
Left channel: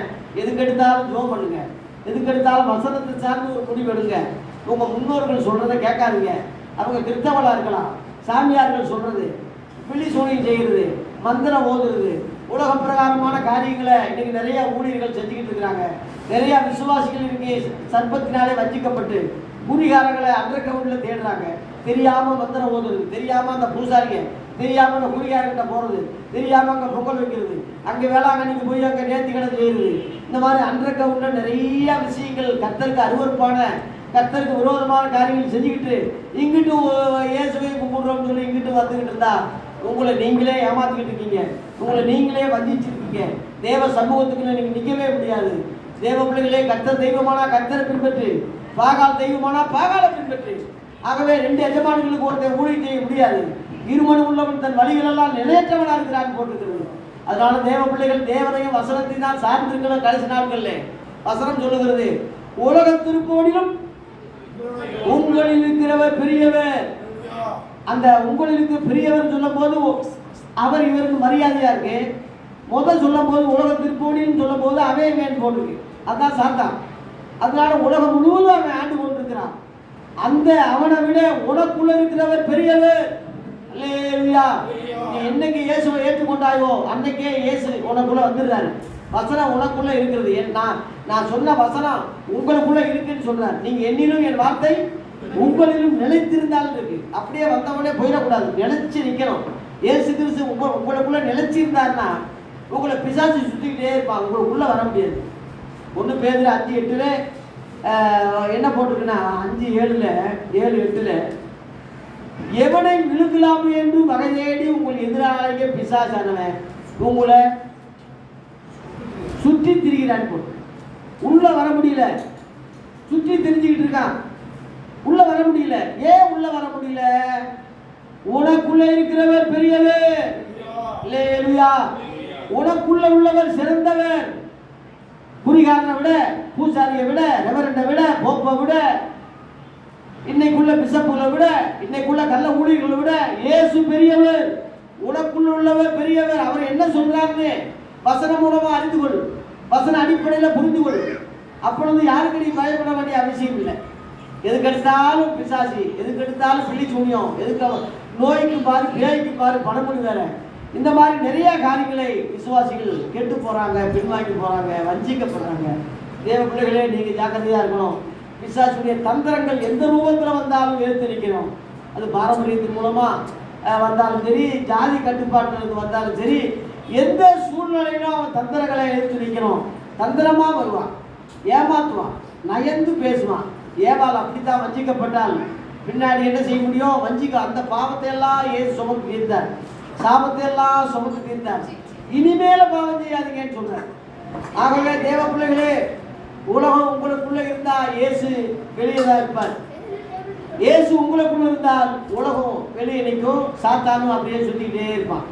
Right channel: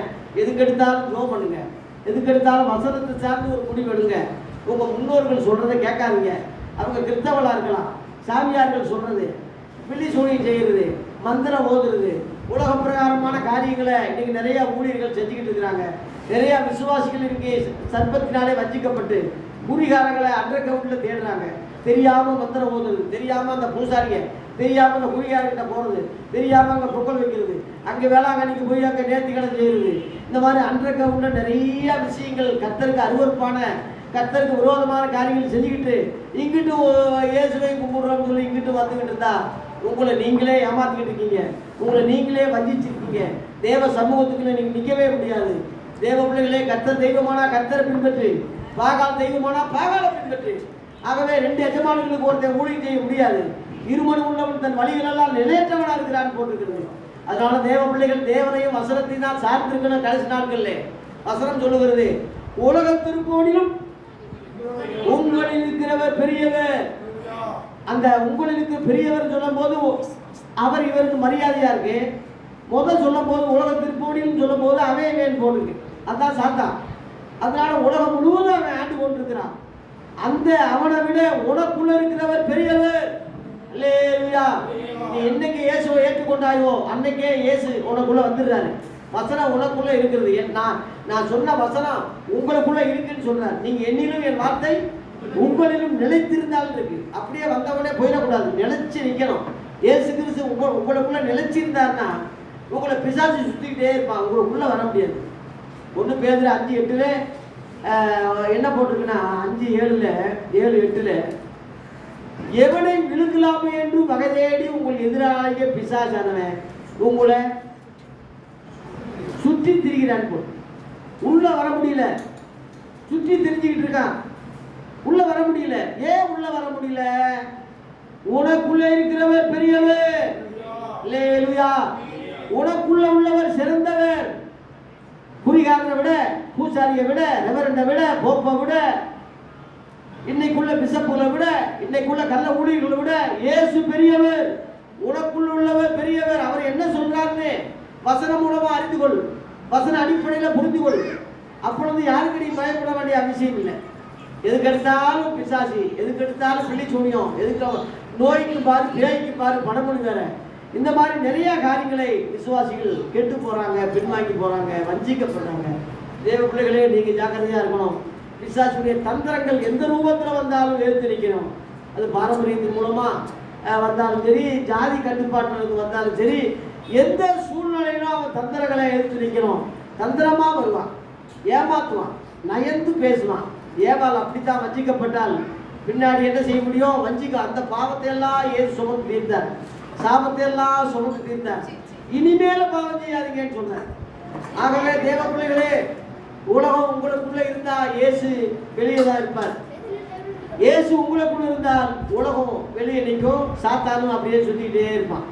எதுக்கு எடுத்தாலும் ஜெபம் பண்ணுங்க, எதுக்கு எடுத்தாலும் வசனத்தை சார்ந்து ஒரு முடிவு எடுங்க. உங்கள் முன்னோர்கள் சொல்கிறத கேட்காதீங்க. அவங்க கிறிஸ்தவளாக இருக்கலாம், சாமியார்கள் சொல்கிறது, பில்லி சூனியம் செய்கிறது, மந்திரம் ஓதுறது, உலக பிரகாரமான காரியங்களை இன்றைக்கி நிறையா ஊழியர்கள் செஞ்சுக்கிட்டு இருக்கிறாங்க. நிறையா விசுவாசிகள் இன்றைக்கி சர்ப்பத்தினாலே வஞ்சிக்கப்பட்டு குறிகாரங்களை அண்டர் கிரவுண்டில் தேடுறாங்க. தெரியாமல் மந்திரம் ஓதுறது, தெரியாமல் அந்த பூசாரியை, தெரியாமல் அந்த குறிகாரங்கிட்ட போகிறது, தெரியாமல் அங்கே பொங்கல் வைக்கிறது, அங்கே வேளாங்கண்ணிக்கு போய் அங்கே நேர்த்திக்கடன் செய்கிறது. இந்த மாதிரி அண்டர் கிரவுண்டில் நிறையா விஷயங்கள் கர்த்தருக்கு அருவருப்பான, கர்த்தருக்கு விரோதமான காரியங்கள் செஞ்சுக்கிட்டு இங்கிட்டு இயேசுவை கும்பிடுறோம்னு சொல்லி இங்கிட்டு வந்துக்கிட்டு இருந்தா உங்களை நீங்களே ஏமாத்திக்கிட்டு இருக்கீங்க, உங்களை நீங்களே வஞ்சிச்சிருக்கீங்க. தேவ சமூகத்துக்குள்ள நீங்கள் நிற்கவே முடியாது. தேவ பிள்ளைகளே, கர்த்தர் தெய்வமானா கர்த்தரை பின்பற்று, பாகால் தெய்வமானா பாகாலை பின்பற்று. ஆகவே ரெண்டு எஜமான்களுக்கு ஒருத்தர் ஊழியம் செய்ய முடியாது. இருமணி உள்ளவன் தன் வழிகளெல்லாம் நிலையற்றவனாக இருக்கிறான்னு போட்டுக்கிறது. அதனால தேவ பிள்ளைகள் தேவனையும் வசனத்தையும் தான் சார்ந்திருக்கணும். கடைசி நாட்கள்ல வசனம் சொல்லுகிறது, உலக திருப்போனிலும் உங்களில் இருக்கிறவர் பெரியவர். அந்த உங்களில் இருக்கிற பெரியவர் சொல்லும் போது அவர் இவருக்கு மரியாதையா இருக்கு. முதல் சொல்லும் போது உலக திருப்போனிலும் சொல்லும் போது அவே வேன் போட்டிருக்கு. அதான் சாத்தான். அதனால உலகம் முழுவதும் அவன் ஆண்டு கொண்டிருக்கிறான். அந்த அவனை விட உனக்குள்ள இருக்கிறவர் பெரியவர். அல்லேலூயா. நீ என்னைக்கு இயேசுவை ஏற்றுக்கொண்டாயோ அன்னைக்கே இயேசு உனக்குள்ள வந்துடுறாரு. வசனம் உனக்குள்ள இருக்கிறது. நான் சொன்ன வசனம் உங்களுக்குள்ள இருக்குன்னு சொல்றாரு. நீங்க என்னிலும் என் வார்த்தை உங்களிலும் நிலைத்திருந்தாலும் இருக்கு. அப்படியே வந்தவனே போயிடக்கூடாது, நிலைச்சு நிற்கணும். இயேசு கிறிஸ்து உங்களுக்குள்ள நிலைச்சிருந்தாருன்னா உங்களை பிசாசு சுத்திக்கிட்டே இருப்பான், உங்களுக்குள்ள வர முடியாது. 1 பேதுரு 5:8 என்ன போட்டிருக்குன்னா 5:7 எவனை விழுங்கலாமே என்று வகை தேடி உங்கள் எதிராளிய பிசாசானவன் உங்களை சுற்றி திரிகிறான். போட்டு உள்ள வர முடியல, சுற்றி திரிஞ்சுக்கிட்டு இருக்கான், உள்ள வர முடியல. ஏன் உள்ள வர முடியல? உனக்குள்ள இருக்கிறவர் பெரியவர். அல்லேலூயா. உனக்குள்ள உள்ளவர் சிறந்தவர். குறிகாரனை விட, பூசாரியை விட, ரெவரண்டை விட, போப்பை விட, இன்னைக்குள்ள பிசப்புகளை விட, இன்னைக்குள்ள கள்ள ஊழியர்களை விட இயேசு பெரியவர். உனக்குள்ள உள்ளவர் பெரியவர். அவர் என்ன சொல்றாருன்னு வசனம் மூலமா அறிந்து கொள், வசன அடிப்படையில் புரிந்து கொள். அப்பொழுது யாருக்கு நீ பயப்பட வேண்டிய அவசியம் இல்லை. எதுக்கெடுத்தாலும் பிசாசி, எதுக்கெடுத்தாலும் பிள்ளி சூனியம், எதுக்கு நோய்க்கு பாரு, பேய்க்கு பாரு, பணம் வேற, இந்த மாதிரி நிறைய காரியங்களை விசுவாசிகள் கெட்டு போறாங்க, பின்வாங்கி போறாங்க, வஞ்சிக்கப்படுறாங்க. தேவ பிள்ளைகளே, நீங்க ஜாக்கிரதையா இருக்கணும். பிசாசுடைய தந்திரங்கள் எந்த ரூபத்தில் வந்தாலும் எதிர்த்து நிற்கணும். அது பாரம்பரியத்தின் மூலமா வந்தாலும் சரி, ஜாதி கட்டுப்பாட்டிலிருந்து வந்தாலும் சரி, எந்த சூழ்நிலையிலும் அவன் தந்திரங்களை எதிர்த்து நிற்கணும். தந்திரமா வருவான், ஏமாத்துவான், நயந்து பேசுவான். ஏவாள் அப்படித்தான் வஞ்சிக்கப்பட்டால் பின்னாடி என்ன செய்ய முடியும்? வஞ்சிக்க அந்த பாவத்தை எல்லாம் ஏசு சுமந்து தீர்த்தார், சாபத்தை எல்லாம் சுமந்து தீர்த்தார். இனிமேல பாவம் செய்யாதீங்கன்னு சொல்றார். ஆகவே தேவ பிள்ளைகளே, உலகம் உங்களுக்குள்ள இருந்தா இயேசு வெளியே தான் இருப்பார். இயேசு உங்களுக்குள்ள இருந்தால் உலகம் வெளியே நிற்கும், சாத்தானும் அப்படியே சுத்திக்கிட்டே இருப்பான்.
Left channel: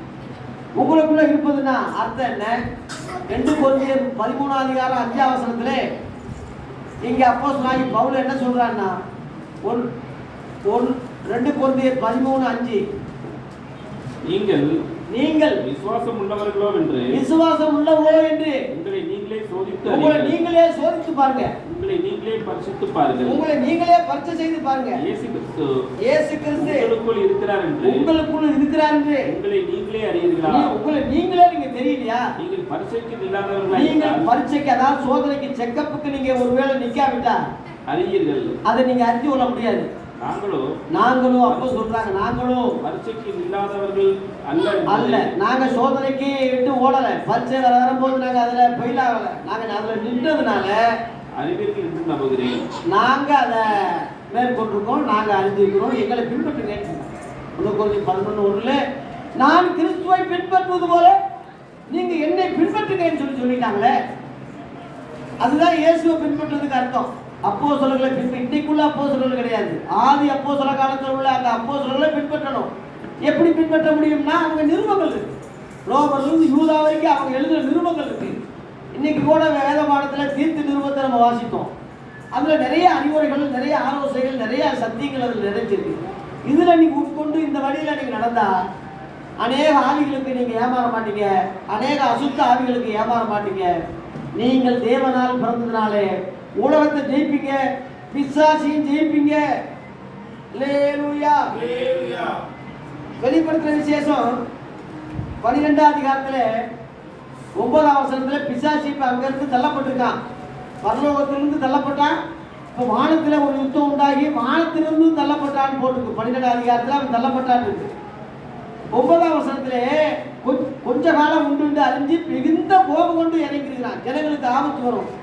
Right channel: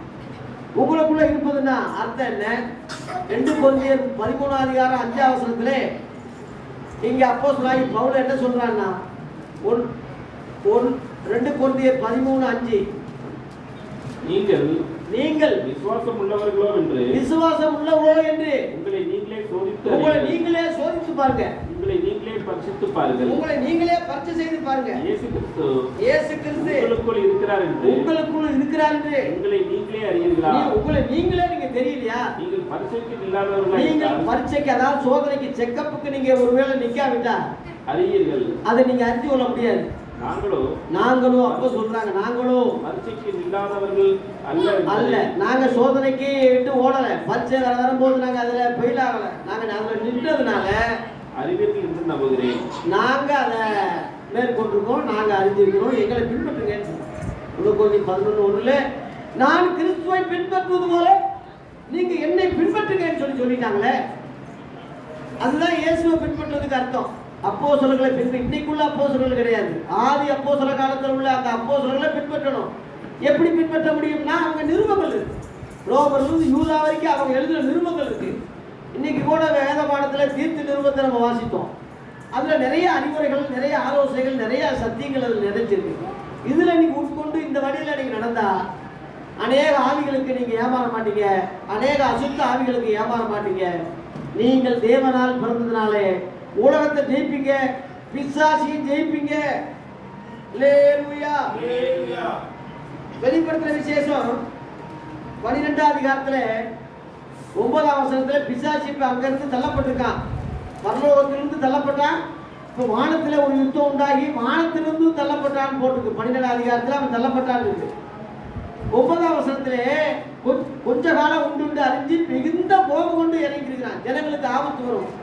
உங்களுக்குள்ள இருப்பதுன்னா அர்த்தம் என்ன? 2 கொரிந்தியர் 13:5 இங்க அப்போஸ்தலனாகிய பவுல் என்ன சொல்றான்னா, 2 கொரிந்தியர் 13:5 நீங்கள் விசுவாசம் உள்ளவர்களோ என்று உங்களை நீங்களே சோதித்து பாருங்க, உங்களை நீங்களே பரிசுத்து பாருங்க, உங்களை நீங்களே பரிசு செய்து பாருங்க. இயேசு கிறிஸ்து உங்களுக்குள் இருக்கிறார் என்று உங்களை நீங்களே அறியீர்களா? உங்களை நீங்களே நீங்க தெரியலையா? நீங்கள் பரீட்சைக்கு இல்லாதவர்களா? நீங்கள் பரீட்சைக்கு, அதாவது சோதனைக்கு, செக்கப்புக்கு நீங்க ஒருவேளை நிக்காவிட்டா அறியீர்கள், அதை நீங்க அறிந்து கொள்ள முடியாது. நாங்களும் அப்போ சொல்றாங்க, நாங்களும் பரீட்சைக்கு இல்லாதவர்கள் அல்ல. நாங்க சோதனைக்கு விட்டு ஓடல, பரீட்சை வரும்போது நாங்க அதுல ஃபெயில் ஆகல, நாங்க அதுல நின்றதுனால அறிவீர்கள் என்று நம்புகிறேன். நாங்க அதை மேற்கொண்டிருக்கோம், நாங்க அறிஞ்சிருக்கிறோம், எங்களை பின்பற்றுங்க. 1 கொரிந்தியர் 11:1 நான் கிறிஸ்துவை பின்பற்றுவது போல நீங்க என்னை பின்பற்றுங்கன்னு சொல்லிட்டாங்களே. அதுதான் இயேசுவை பின்பற்றுவதுக்கு அர்த்தம். அப்போஸ்தலர்களை இன்னைக்குள்ள அப்போஸ்தலர்கள் கிடையாது, ஆதி அப்போஸ்தல காலத்தில் உள்ள அந்த அப்போஸ்தலர்களை பின்பற்றணும். எப்படி பின்பற்ற முடியும்னா அவங்க நிருபங்கள் இருக்கு, ரோமர்லேருந்து யூதா வரைக்கும் அவங்க எழுதுகிற நிருபங்கள் இருக்கு. இன்னைக்கு கூட வேத பாடத்தில் தீர்த்து நிருபத்தை நம்ம வாசித்தோம். அதில் நிறைய அறிவுரைகள், நிறைய ஆலோசனைகள், நிறைய சத்தியங்கள் அதில் நிறைஞ்சிருக்கு. இதில் நீங்கள் உட்கொண்டு இந்த வழியில் நீங்கள் நடந்தால் அநேக ஆவிகளுக்கு நீங்கள் ஏமாற மாட்டீங்க, அநேக அசுத்த ஆவிகளுக்கு ஏமாற மாட்டீங்க. நீங்கள் தேவனால் பிறந்ததுனாலே உலகத்தை ஜெயிப்பீங்க, பிசாசையும் ஜெயிப்பீங்க. அல்லேலூயா. வெளிப்படுத்துற விசேஷம் 12ஆம் அதிகாரத்தில் 9ஆம் வசனத்தில் பிசாசு இப்போ அங்கிருந்து தள்ளப்பட்டிருக்கான், பரலோகத்திலிருந்து தள்ளப்பட்டான். இப்போ வானத்தில் ஒரு யுத்தம் உண்டாகி வானத்திலிருந்து தள்ளப்பட்டான்னு போட்டிருக்கு. 12ஆம் அதிகாரத்தில் அவன் தள்ளப்பட்டான்னு இருக்கு. 9ஆம் வசனத்திலே கொஞ்ச காலம் உண்டு அறிஞ்சு மிகுந்த கோபம் கொண்டு இறங்கிருக்கிறான், ஜனங்களுக்கு ஆபத்து வரும்.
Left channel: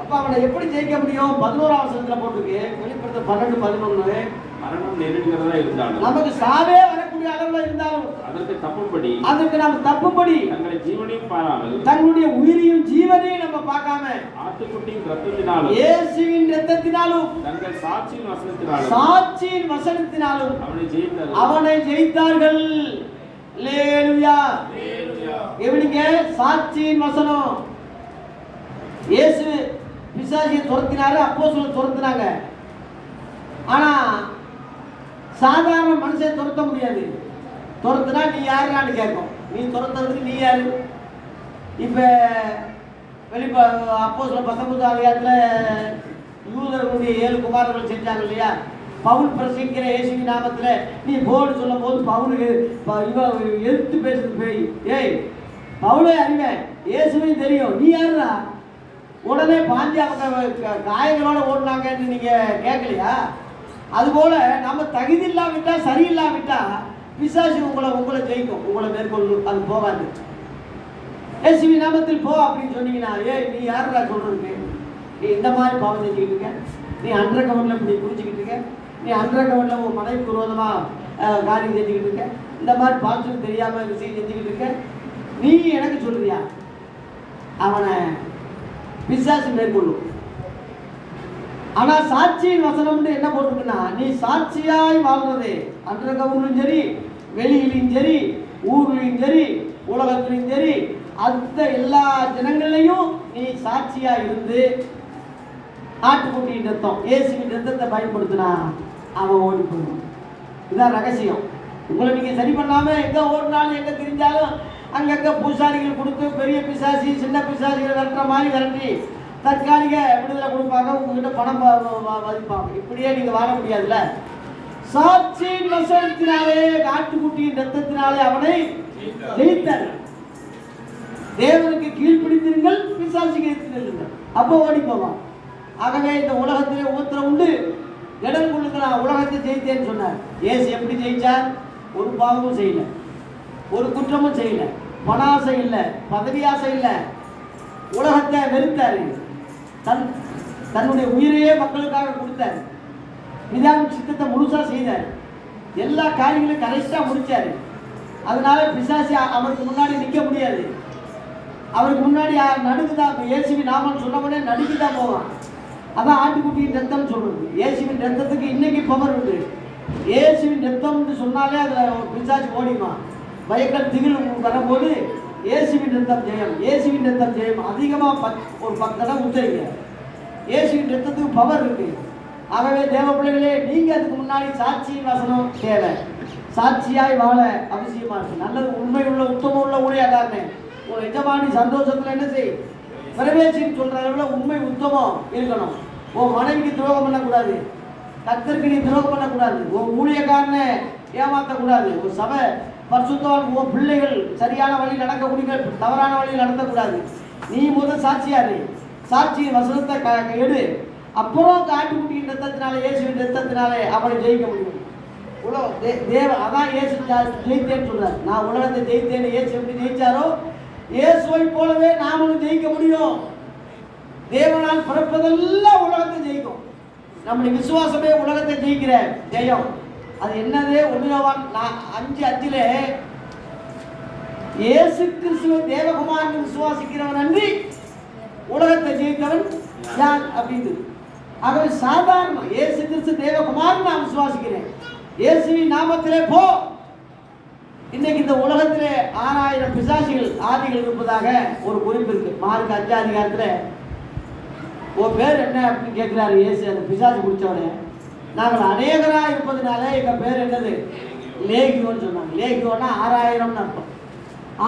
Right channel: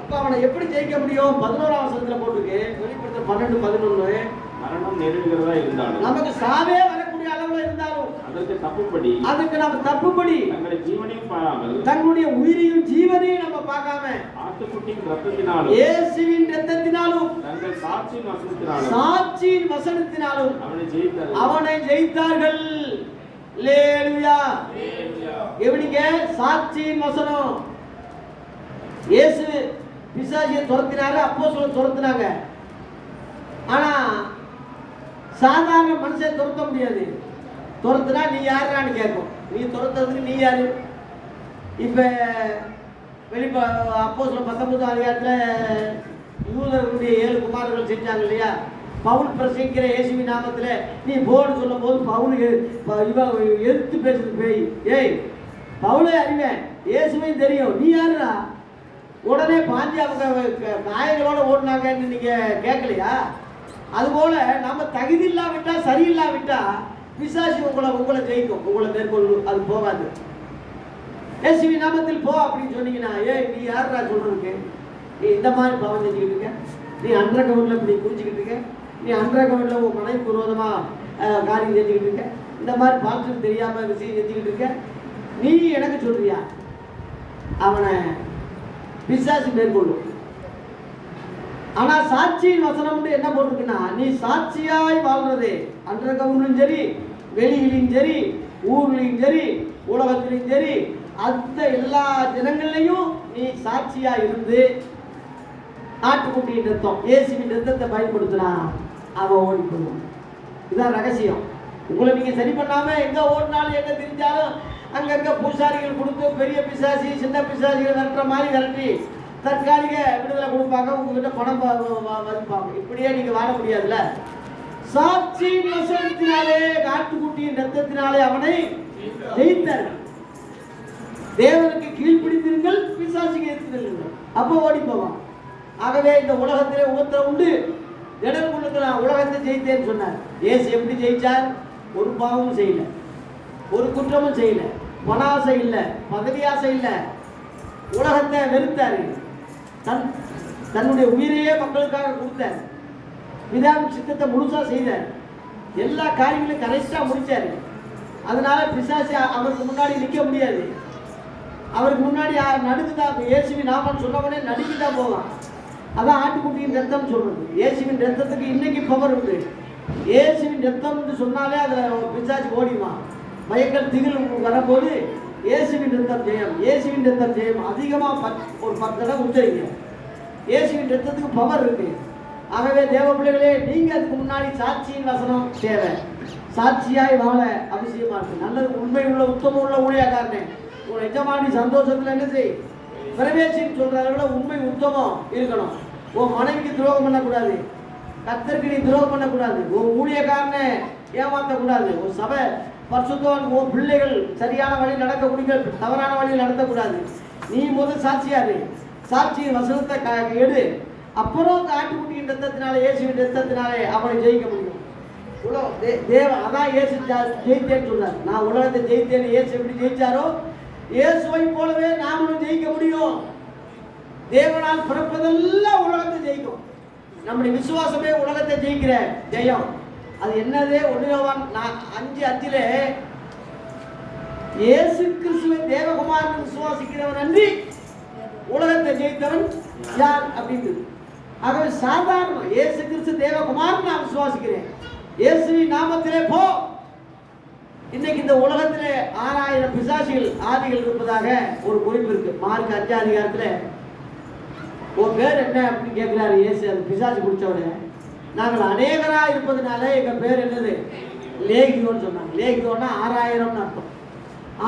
அப்போ அவனை எப்படி ஜெயிக்க முடியும்? 11ஆம் வசனத்தில் போட்டிருக்கு. வெளிப்படுத்த 12:11 மரணம் நெருங்குகிறதா இருந்தாலும், நமக்கு சாவே வரக்கூடிய அளவில் இருந்தாலும் அதற்கு நாம் தப்புப்படி தங்களுடைய ஜீவனையும் பாராமல், தன்னுடைய உயிரையும் ஜீவனையும் நம்ம பார்க்காம ஆட்டுக்குட்டியின் இரத்தத்தினாலும் இயேசுவின் இரத்தத்தினாலும் தங்கள் சாட்சியின் வசனத்தினாலும் அவனை அவனை ஜெயித்தார்கள். அல்லேலூயா. எப்படிங்க? சாட்சியின் வசனம். இயேசு பிசாசியை துரத்தினாரு, அப்போஸ்தலர் துரத்தினாங்க. ஆனா சாதாரண மனுஷன் துரத்த முடியாது. துரத்துனா நீ யாருன்னு கேட்கும். நீ துரத்துறதுக்கு நீ யாரு? இப்போ அப்போஸ்தலர் 19ஆம் அதிகாரத்தில் யூதர்களுடைய 7 குமாரர்கள் செஞ்சாங்க இல்லையா? பவுல் பிரசங்கிற இயேசுவின் நாமத்தில் நீ போன்னு சொல்லும் போது பவுலுக்கு எதிர்த்து பேசுறது போய், ஏய் பவுலே அறிவேன், இயேசுவையும் தெரியும், நீ யாருடா? உடனே பாஞ்சு அவங்க காயங்களோட ஓடினாங்கன்னு நீங்கள் கேட்கலையா? அதுபோல் நம்ம தகுதி இல்லாவிட்டா, சரியில்லாவிட்டா பிசாசு உங்களை ஜெயிக்கும், உங்களை மேற்கொள்ளும். அது போகாது. இயேசுவி நாமத்தில் போ அப்படின்னு சொன்னீங்கன்னா, ஏய் நீ யாருடா சொல்கிறதுக்கு? நீ இந்த மாதிரி பாவம் செஞ்சுக்கிட்டு இருக்க, நீ அண்டர் கவர்னில் இப்படி குறிச்சிக்கிட்டு இருக்க, நீ அண்டர் கவர்னில் உன் மனைவிக்கு விரோதமாக காரியம் செஞ்சுக்கிட்டு இருக்க, இந்த மாதிரி பாஸ்டருக்கு தெரியாமல் விஷயம் செஞ்சுக்கிட்டு இருக்க, நீ எனக்கு சொல்லுறியா? அவனை பிசாசு மேற்கொள்ளும். ஆனால் சாட்சியின் வசனம்னு என்ன போட்டிருக்குன்னா, நீ சாட்சியாய் வாழ்றது அண்டர் கவர்னிலும் சரி, வெளியிலையும் சரி, ஊர்லையும் சரி, உலகத்திலையும் சரி, அந்த எல்லா ஜனங்கள்லையும் நீ சாட்சியா இருந்து ஆட்டுக்குட்டியின் ரத்தம், இயேசுவின் ரத்தத்தை பயன்படுத்தினா அவன் ஓடி போயிடுவான். இதுதான் ரகசியம். உங்களை நீங்கள் சரி பண்ணாமல் எங்கே ஓடினாலும் எங்கே தெரிஞ்சாலும் அங்கங்கே பூசாரிகள் கொடுத்து பெரிய பிசாசி சின்ன பிசாசிகள் விரட்டுற மாதிரி விரட்டி தற்காலிக விடுதலை கொடுப்பாங்க, உங்ககிட்ட பணம் மதிப்பாங்க. இப்படியே நீங்கள் வாழ முடியாதுல்ல. சாட்சியின் வசனத்தினாலே ஆட்டுக்குட்டியின் ரத்தத்தினாலே அவனை ஜெயித்தார்கள். தேவனுக்கு கீழ்ப்பிடித்திருங்கள், பிசாசுக்கு எதிர்த்து அப்போ ஓடி போவான். ஆகவே இந்த உலகத்திலே உபத்திரம் உண்டு, ஜனங்களுக்கு நான் உலகத்தை ஜெயித்தேன்னு சொன்னார். இயேசு எப்படி ஜெயிச்சார்? ஒரு பாவமும் செய்யல, ஒரு குற்றமும் செய்யல, பணாசை இல்லை, பதவி ஆசை இல்லை, உலகத்தை வெறுத்தார், தன்னுடைய உயிரையே மக்களுக்காக கொடுத்தார், பிதாவின் சித்தத்தை முழுசா செய்தார், எல்லா காரியங்களையும் கரெக்டாக முடிச்சார். அதனால பிசாசு அவருக்கு முன்னாடி நிற்க முடியாது. அவருக்கு முன்னாடி நடுக்குதான். இயேசுவின் நாமன்னு சொன்னவனே நடுக்கிதான் போவான். அதான் ஆட்டுக்குட்டியின் ரத்தம் சொல்றது. இயேசுவின் ரத்தத்துக்கு இன்னைக்கு பவர் உண்டு. இயேசுவின் ரத்தம்னு சொன்னாலே அதில் பிசாசு ஓடிமா. பயங்கள் திகில் வரும்போது இயேசுவின் ரத்தம் ஜெயம், இயேசுவின் ரத்தம் ஜெயம். அதிகமாக ஒரு 10 தடவை உச்சரிங்க. இயேசுவின் ரத்தத்துக்கு பவர் இருக்கு. ஆகவே தேவ பிள்ளைகளே, நீங்கள் அதுக்கு முன்னாடி சாட்சியின் வசனம் தேவை. சாட்சியாய் வாழ அவசியமா இருக்கு. நல்லது, உண்மை உள்ள உத்தம உள்ள ஊழியக்காரனே, உன் எஜமானி சந்தோஷத்தில் என்ன செய்? பிரவேசின்னு சொல்கிற அளவில் உண்மை உத்தமம் இருக்கணும். உன் மனைவிக்கு துரோகம் பண்ணக்கூடாது, கர்த்தருக்கு நீ துரோகம் பண்ணக்கூடாது, உன் ஊழியக்காரனை ஏமாற்றக்கூடாது, ஒரு சபை பரிசுத்தவான் உன் பிள்ளைகள் சரியான வழியில் நடக்கக்கூடிய தவறான வழியில் நடத்தக்கூடாது. நீ முதல் சாட்சியாரு. சாட்சியின் வசனத்தை எடு. அப்புறம் ஆட்டுக்குட்டியின் ரத்தத்தினாலே, இயேசுவின் ரத்தத்தினாலே அவனை ஜெயிக்க முடியும். அதான் இயேசு ஜெயித்தேன்னு சொல்றார். நான் உலகத்தை ஜெயித்தேன்னு இயேசு எப்படி ஜெயிச்சாரோ, இயேசுவை போலவே நாமளும் ஜெயிக்க முடியும். தேவனால் பிறப்பதெல்லாம் உலகத்தை ஜெயிக்கும். நம்முடைய விசுவாசமே உலகத்தை ஜெயிக்கிற ஜெயம். அது என்னது? 1 யோவான் 5:5 இயேசு கிறிஸ்துவை தேவகுமாரன் விசுவாசிக்கிறவன் அன்றி உலகத்தை ஜெயித்தவன் யார் அப்படின்னு. ஆகவே சாதாரண இயேசு கிறிஸ்து தேவகுமாரன் நான் விசுவாசிக்கிறேன், இயேசுவின் நாமத்திலே போ. இன்னைக்கு இந்த உலகத்திலே 6000 பிசாசிகள் ஆதிகள் இருப்பதாக ஒரு குறிப்பு இருக்கு. மார்க் 5 அதிகாரத்தில் உன் பேர் என்ன அப்படின்னு கேட்குறாரு இயேசு. அந்த பிசாசு பிடிச்சவனே, நாங்கள் அநேகராக இருப்பதுனால எங்கள் பேர் என்னது? லேகியோன்னு சொன்னாங்க. லேகியோன்னா 6000ன்னு அர்த்தம்.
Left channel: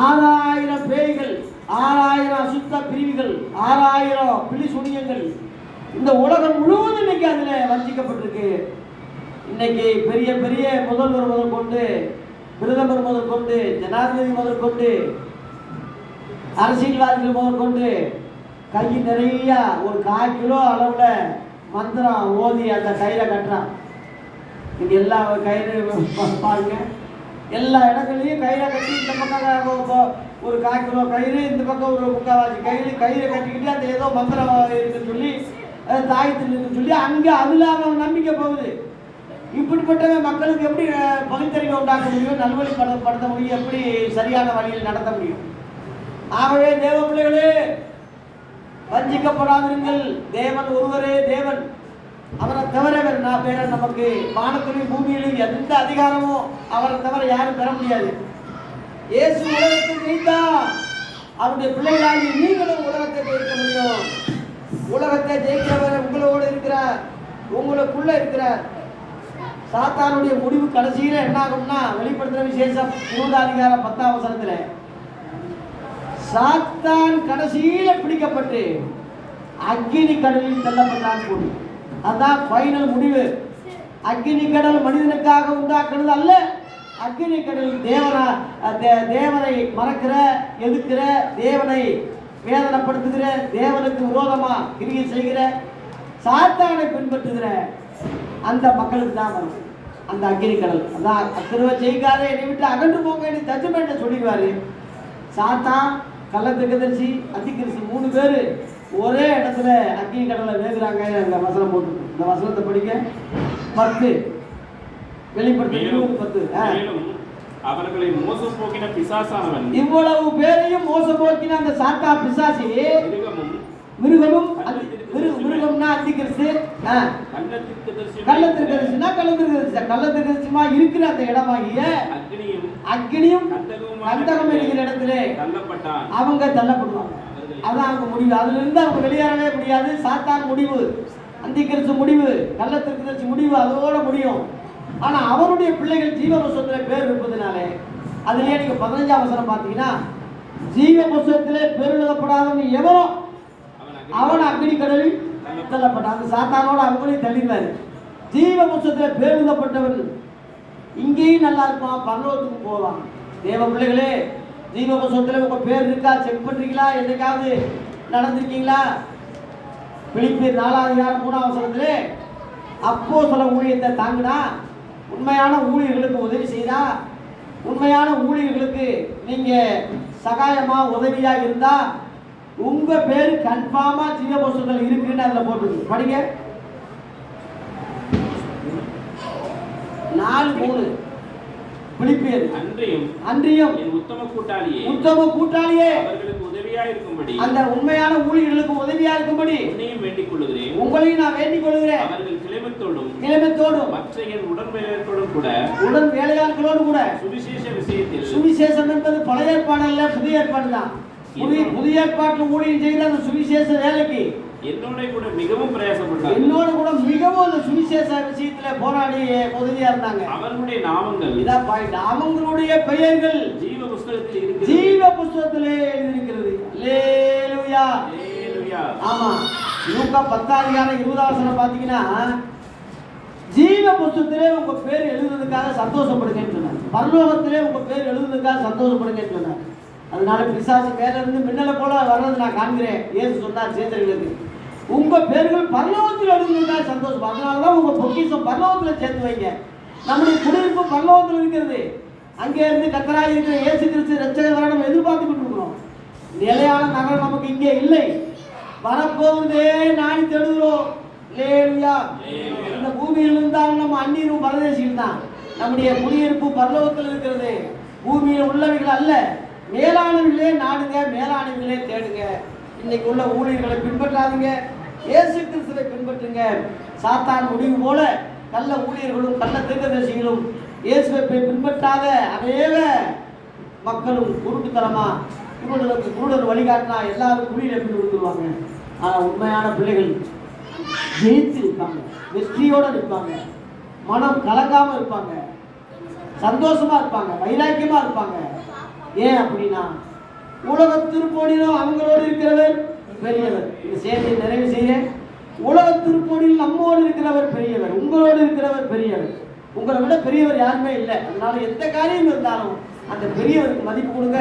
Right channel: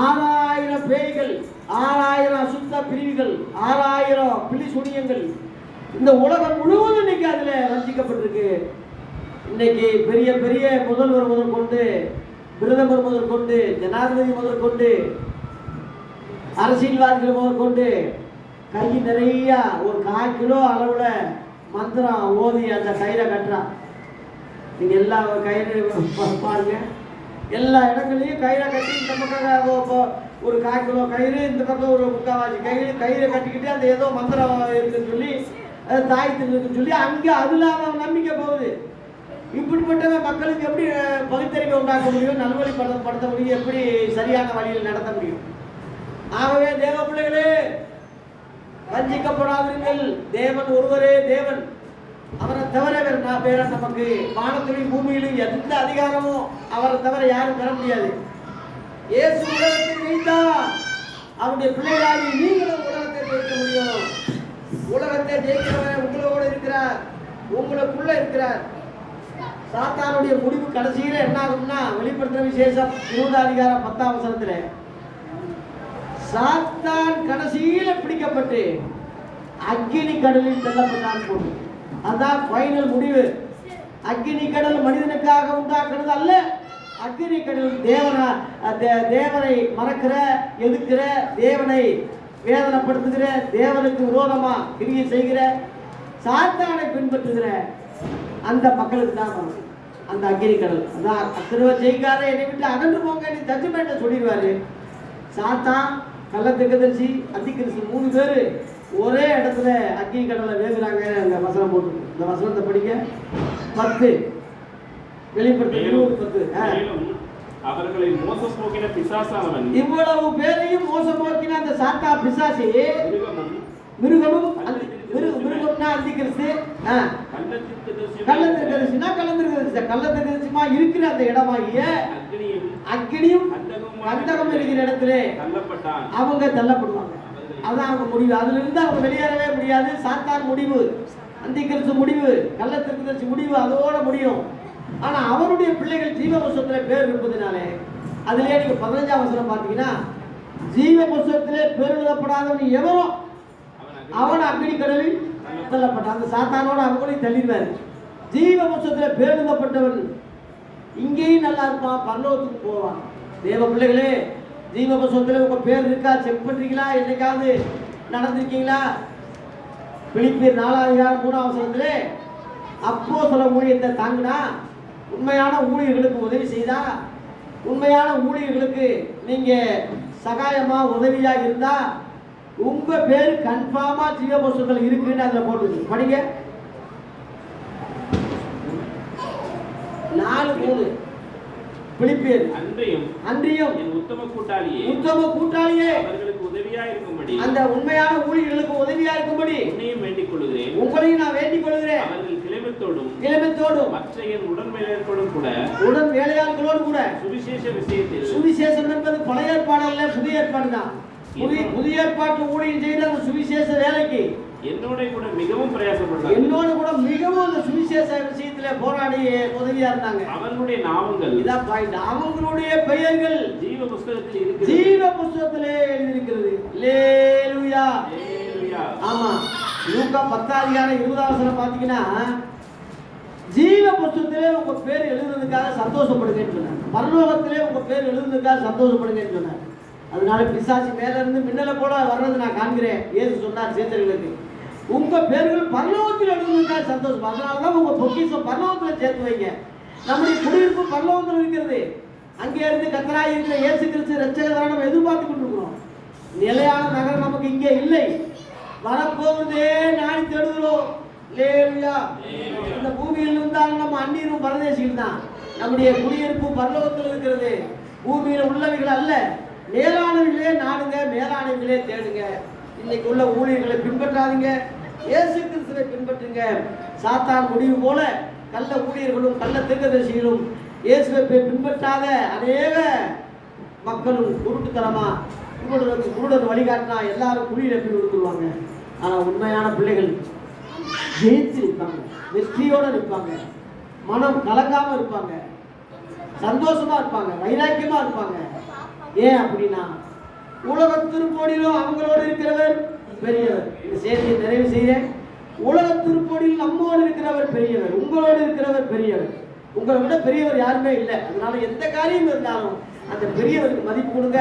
6000 பேய்கள், 6000 அசுத்த பிரிவுகள், 6000 பிலி சுனியங்கள் இந்த உலகம் முழுவதும் இன்னைக்கு அதில் வஞ்சிக்கப்பட்டிருக்கு. இன்னைக்கு பெரிய பெரிய முதல்வர் முதல் கொண்டு, பிரதமர் முதல் கொண்டு, ஜனாதிபதி முதல் கொண்டு, அரசியல்வாதிகள் முதல் கொண்டு கை நிறைய ஒரு 1/4 கிலோ அளவில் மந்திரம் ஓதி அந்த கயிறை கட்டுறான். நீங்கள் எல்லா கயிறு பாருங்க, எல்லா இடங்கள்லையும் கயிறை கட்டி இந்த பக்கம் ஒரு 1/4 கிலோ கயிறு, இந்த பக்கம் ஒரு 3/4 கயிறை கட்டிக்கிட்டு அந்த ஏதோ மந்திரம் இருக்குன்னு சொல்லி தாயத்தில் இருக்குன்னு சொல்லி அங்கே அதில் அவன் நம்பிக்கை போகுது. இப்படிப்பட்ட மக்களுக்கு எப்படி பகுத்தறிவை உண்டாக்க முடியும், நல்வழிப்படுத்த முடியும், எப்படி சரியான வழியில் நடத்த முடியும்? ஆகவே தேவ பிள்ளைகளே, வஞ்சிக்கப்படாதிருங்கள். தேவன் ஒருவரே தேவன். அவரை தவிர வேற நமக்கு வானத்திலும் பூமியிலும் எந்த அதிகாரமும் அவரை தவிர யாரும் பெற முடியாது. இயேசு உலகத்தை ஜெயித்தா, அவருடைய பிள்ளைகளாகி நீங்களும் உலகத்தை ஜெயிக்க முடியும். உலகத்தை ஜெயிக்கிறவர் உங்களோடு இருக்கிறார், உங்களுக்குள்ள இருக்கிறார். சாத்தானுடைய முடிவு கடைசியில் என்ன ஆகும்னா, வெளிப்படுத்துற விசேஷம் 20 அதிகாரம் 10ஆம் வசனத்தில் சாத்தான் கடைசியில் பிடிக்கப்பட்டு அக்கினி கடலில் தள்ளப்பட்டான் போது. அதான் ஃபைனல் முடிவு. அக்கினி கடல் மனிதனுக்காக உண்டாக்குறது அல்ல. அக்கினி கடல் தேவனை மறக்கிற, எதுக்கிற, தேவனை வேதனைப்படுத்துகிற, தேவனுக்கு விரோதமா கிரியை செய்கிற, சாத்தானை பின்பற்றுகிற அந்த மக்களுக்கு தான் வரும் அந்த அக்கினி கடல். அதான் திரும்ப செய்காத என்னை விட்டு அகன்று போங்க ஜட்ஜ்மெண்ட்டை சொல்லிடுவாரு. சாத்தான், கள்ளத்திற்கதரிசி, அத்திகிறிஸ்து 3 பேர் ஒரே இடத்துல அக்கினி கடலை வேகுறாங்க. அந்த வசனம் போட்டு இந்த வசனத்தை படிக்க 10 வெளிப்படுத்த 20:10. அவர்களை மோசம் போக்கின பிசாசானவன், இவ்வளவு பேரையும் மோசம் போக்கின அந்த சாத்தா பிசாசி, மிருகம்னா அத்திகிறிஸ்து, கள்ளத்திற்கதரிசிமா இருக்கிற அந்த இடமாகிய அக்கினியும் கந்தகமும் இருக்கிற இடத்துல அவங்க தள்ளப்படுவாங்க. அதான் அவங்க முடிவு. அதுல இருந்து அவங்க வெளியேறவே முடியாது. சாத்தான் முடிவு, அந்திகிறிஸ்து முடிவு, கள்ளத்திற்கதரிசி முடிவு, அதோட முடியும். ஆனா அவருடைய பிள்ளைகள் ஜீவ புஸ்தகத்தில் பேர் இருப்பதுனாலே, அதுலயே நீங்க 15ஆம் வசனம் பார்த்தீங்கன்னா, ஜீவ புஸ்தகத்திலே பேர் எழுதப்படாதவன் எவரோ அவன் அக்கினி கடலில் தள்ளப்பட்டான். அந்த சாத்தானோட அவங்களையும் தள்ளிடுவாரு. ஜீவ புஸ்தகத்தில் பேர் எழுதப்பட்டவன் இங்கேயும் நல்லா இருப்பான், பரலோகத்துக்கு போவான். தேவ பிள்ளைகளே, ஜீவ புஸ்தகத்தில் உங்க பேர் இருக்கா செக் பண்றீங்களா? என்னைக்காவது நடந்திருக்கீங்களா? பிலிப்பியர் 4ஆம் அதிகாரம் 3ஆம் வசனத்திலே அப்போஸ்தல ஊழியத்தை தாங்கினா, உண்மையான ஊழியர்களுக்கு உதவி செய்தா, உண்மையான ஊழியர்களுக்கு நீங்க சகாயமா உதவியா இருந்தா உங்க பேரு கன்ஃபார்மா ஜீவ புஸ்தகத்தில் இருக்குன்னு அதுல போட்டுருக்கு. படிங்க 4:3. பிலிப்பியர் அன்றியும் உத்தம கூட்டாளியே அவர்களுக்கு உதவியா இருக்கும்படி, அந்த உண்மையான ஊழியர்களுக்கு உதவியா இருக்கும்படி உங்களையும் நான் வேண்டிக் கொள்கிறேன். அவர்கள் கிளம்பத்தோடும் மற்ற உடன் வேலையாட்களோடு கூட சுவிசேஷ விஷயத்தில், சுவிசேஷம் என்பது பழைய ஏற்பாடு அல்ல, புதிய ஏற்பாடு தான். புதிய ஏற்பாட்டில் ஊழியம் செய்கிற அந்த சுவிசேஷ வேலைக்கு என்னோட கூட மிகவும் பிரயாசப்பட்டாங்க. என்னோட கூட மிகவும் அந்த சுவிசேஷ விஷயத்துல போராடி உதவியா இருந்தாங்க. அவர்களுடைய நாமங்கள், இதான் பாயிண்ட், அவங்களுடைய பெயர்கள் ஜீவ புஸ்தகத்தில் இருக்கு, ஜீவ புஸ்தகத்திலே எழுதியிருக்கிறது. அல்லேலூயா. ஆமா, லூக்கா 10ஆம் அதிகாரம் 20ஆம் வசனம் பாத்தீங்கன்னா, ஜீவ புஸ்தகத்திலே உங்க பேர் எழுதுறதுக்காக சந்தோஷப்படுங்கன்னு சொன்னார். பரலோகத்திலே உங்க பேர் எழுதுறதுக்காக சந்தோஷப்படுங்கன்னு சொன்னார். அதனால பிசாசு மேல இருந்து மின்னலை போல வர்றது நான் காண்கிறேன். இயேசு சொன்னார் சேதர்களுக்கு, உங்க பேர்கள் பரலோகத்தில் எழுதுறதுக்காக சந்தோஷம். அதனாலதான் உங்க பொக்கிஷம் பரலோகத்தில் சேர்த்து வைங்க. நம்முடைய குடியிருப்பு பரலோகத்தில் இருக்கிறது. அங்கே இருந்து கர்த்தராய் இருக்கிற இயேசு கிறிஸ்து இரட்சகரை நம்ம எதிர்பார்த்து கொண்டிருக்கிறோம். நிலையான நகரம் நமக்கு இங்கே இல்லை. வரப்போவதே நாடி தேடுகிறோம். அல்லேலூயா. இந்த பூமியில் இருந்தாலும் நம்ம அந்நியரும் பரதேசிகள் தான். நம்முடைய குடியிருப்பு பரலோகத்தில் இருக்கிறது, பூமியில் உள்ளவைகள் அல்ல. மேலானவர்களே நாடுங்க, மேலானவர்களே தேடுங்க. இன்னைக்கு உள்ள ஊழியர்களை பின்பற்றாதீங்க, இயேசு கிறிஸ்துவை பின்பற்றுங்க. சாத்தான் முடிவு போல கள்ள ஊழியர்களும் கள்ள தீர்க்கதரிசிகளும் இயேசுவை பின்பற்றாத அநேக மக்களும் குருட்டுத்தனமா இவர்களுக்கு குருடன் வழிகாட்டினா எல்லாரும் குழியில் எப்படி விழுந்துருவாங்க. உண்மையான பிள்ளைகள் ஜெயித்து இருப்பாங்க, வெற்றியோடு இருப்பாங்க, மனம் கலங்காம இருப்பாங்க, சந்தோஷமா இருப்பாங்க, வைராக்கியமா இருப்பாங்க. ஏன் அப்படின்னா உலக திருப்போடியிலும் அவங்களோடு இருக்கிறவர் பெரியவர். இந்த செய்தியை நிறைவு செய்ய, உலக திருப்போடியில் நம்மோடு இருக்கிறவர் பெரியவர், உங்களோடு இருக்கிறவர் பெரியவர். உங்களை விட பெரியவர் யாருமே இல்லை. அதனால எந்த காரியம் இருந்தாலும் அந்த பெரியவருக்கு மதிப்பு கொடுங்க,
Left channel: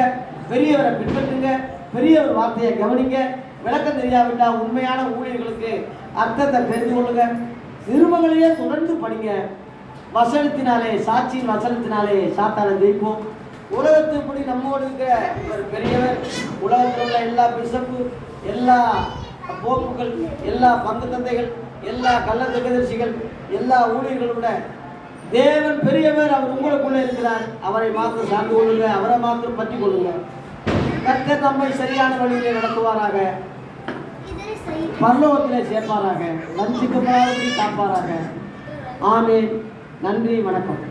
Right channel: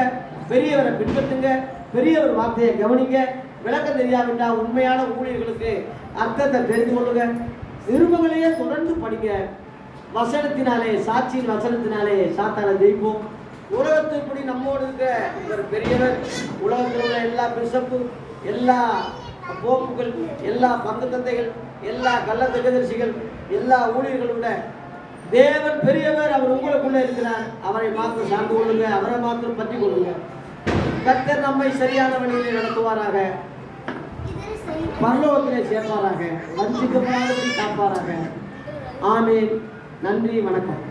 பெரியவரை பின்பற்றுங்க, பெரியவர் வார்த்தையை கவனிங்க. விளக்கம் தெரியாவிட்டால் உண்மையான ஊழியர்களுக்கு அர்த்தத்தை தெரிந்து கொள்ளுங்க. நிருபங்களையே தொடர்ந்து படிங்க. வசனத்தினாலே, சாட்சியின் வசனத்தினாலே சாத்தானை ஜெயிப்போம். உலகத்துப்படி நம்மோடு இருக்க ஒரு பெரியவர், உலகத்தில் உள்ள எல்லா பிசப்பு, எல்லா போப்புகள், எல்லா பங்கு தந்தைகள், எல்லா கள்ள தீர்க்கதரிசிகள், எல்லா ஊழியர்களோட தேவன் பெரியவர். அவர் உங்களுக்குள்ளே இருக்கிறார். அவரை மாத்திரம் சார்ந்து கொள்ளுங்க, அவரை மாத்திரம் பற்றி கொள்ளுங்க. கர்த்தர் நம்மை சரியான வழியிலே நடத்துவாராக, பரலோகத்திலே சேர்ப்பாராக, வஞ்சிக்கப்படாதபடி காப்பாராக. ஆமென். நன்றி, வணக்கம்.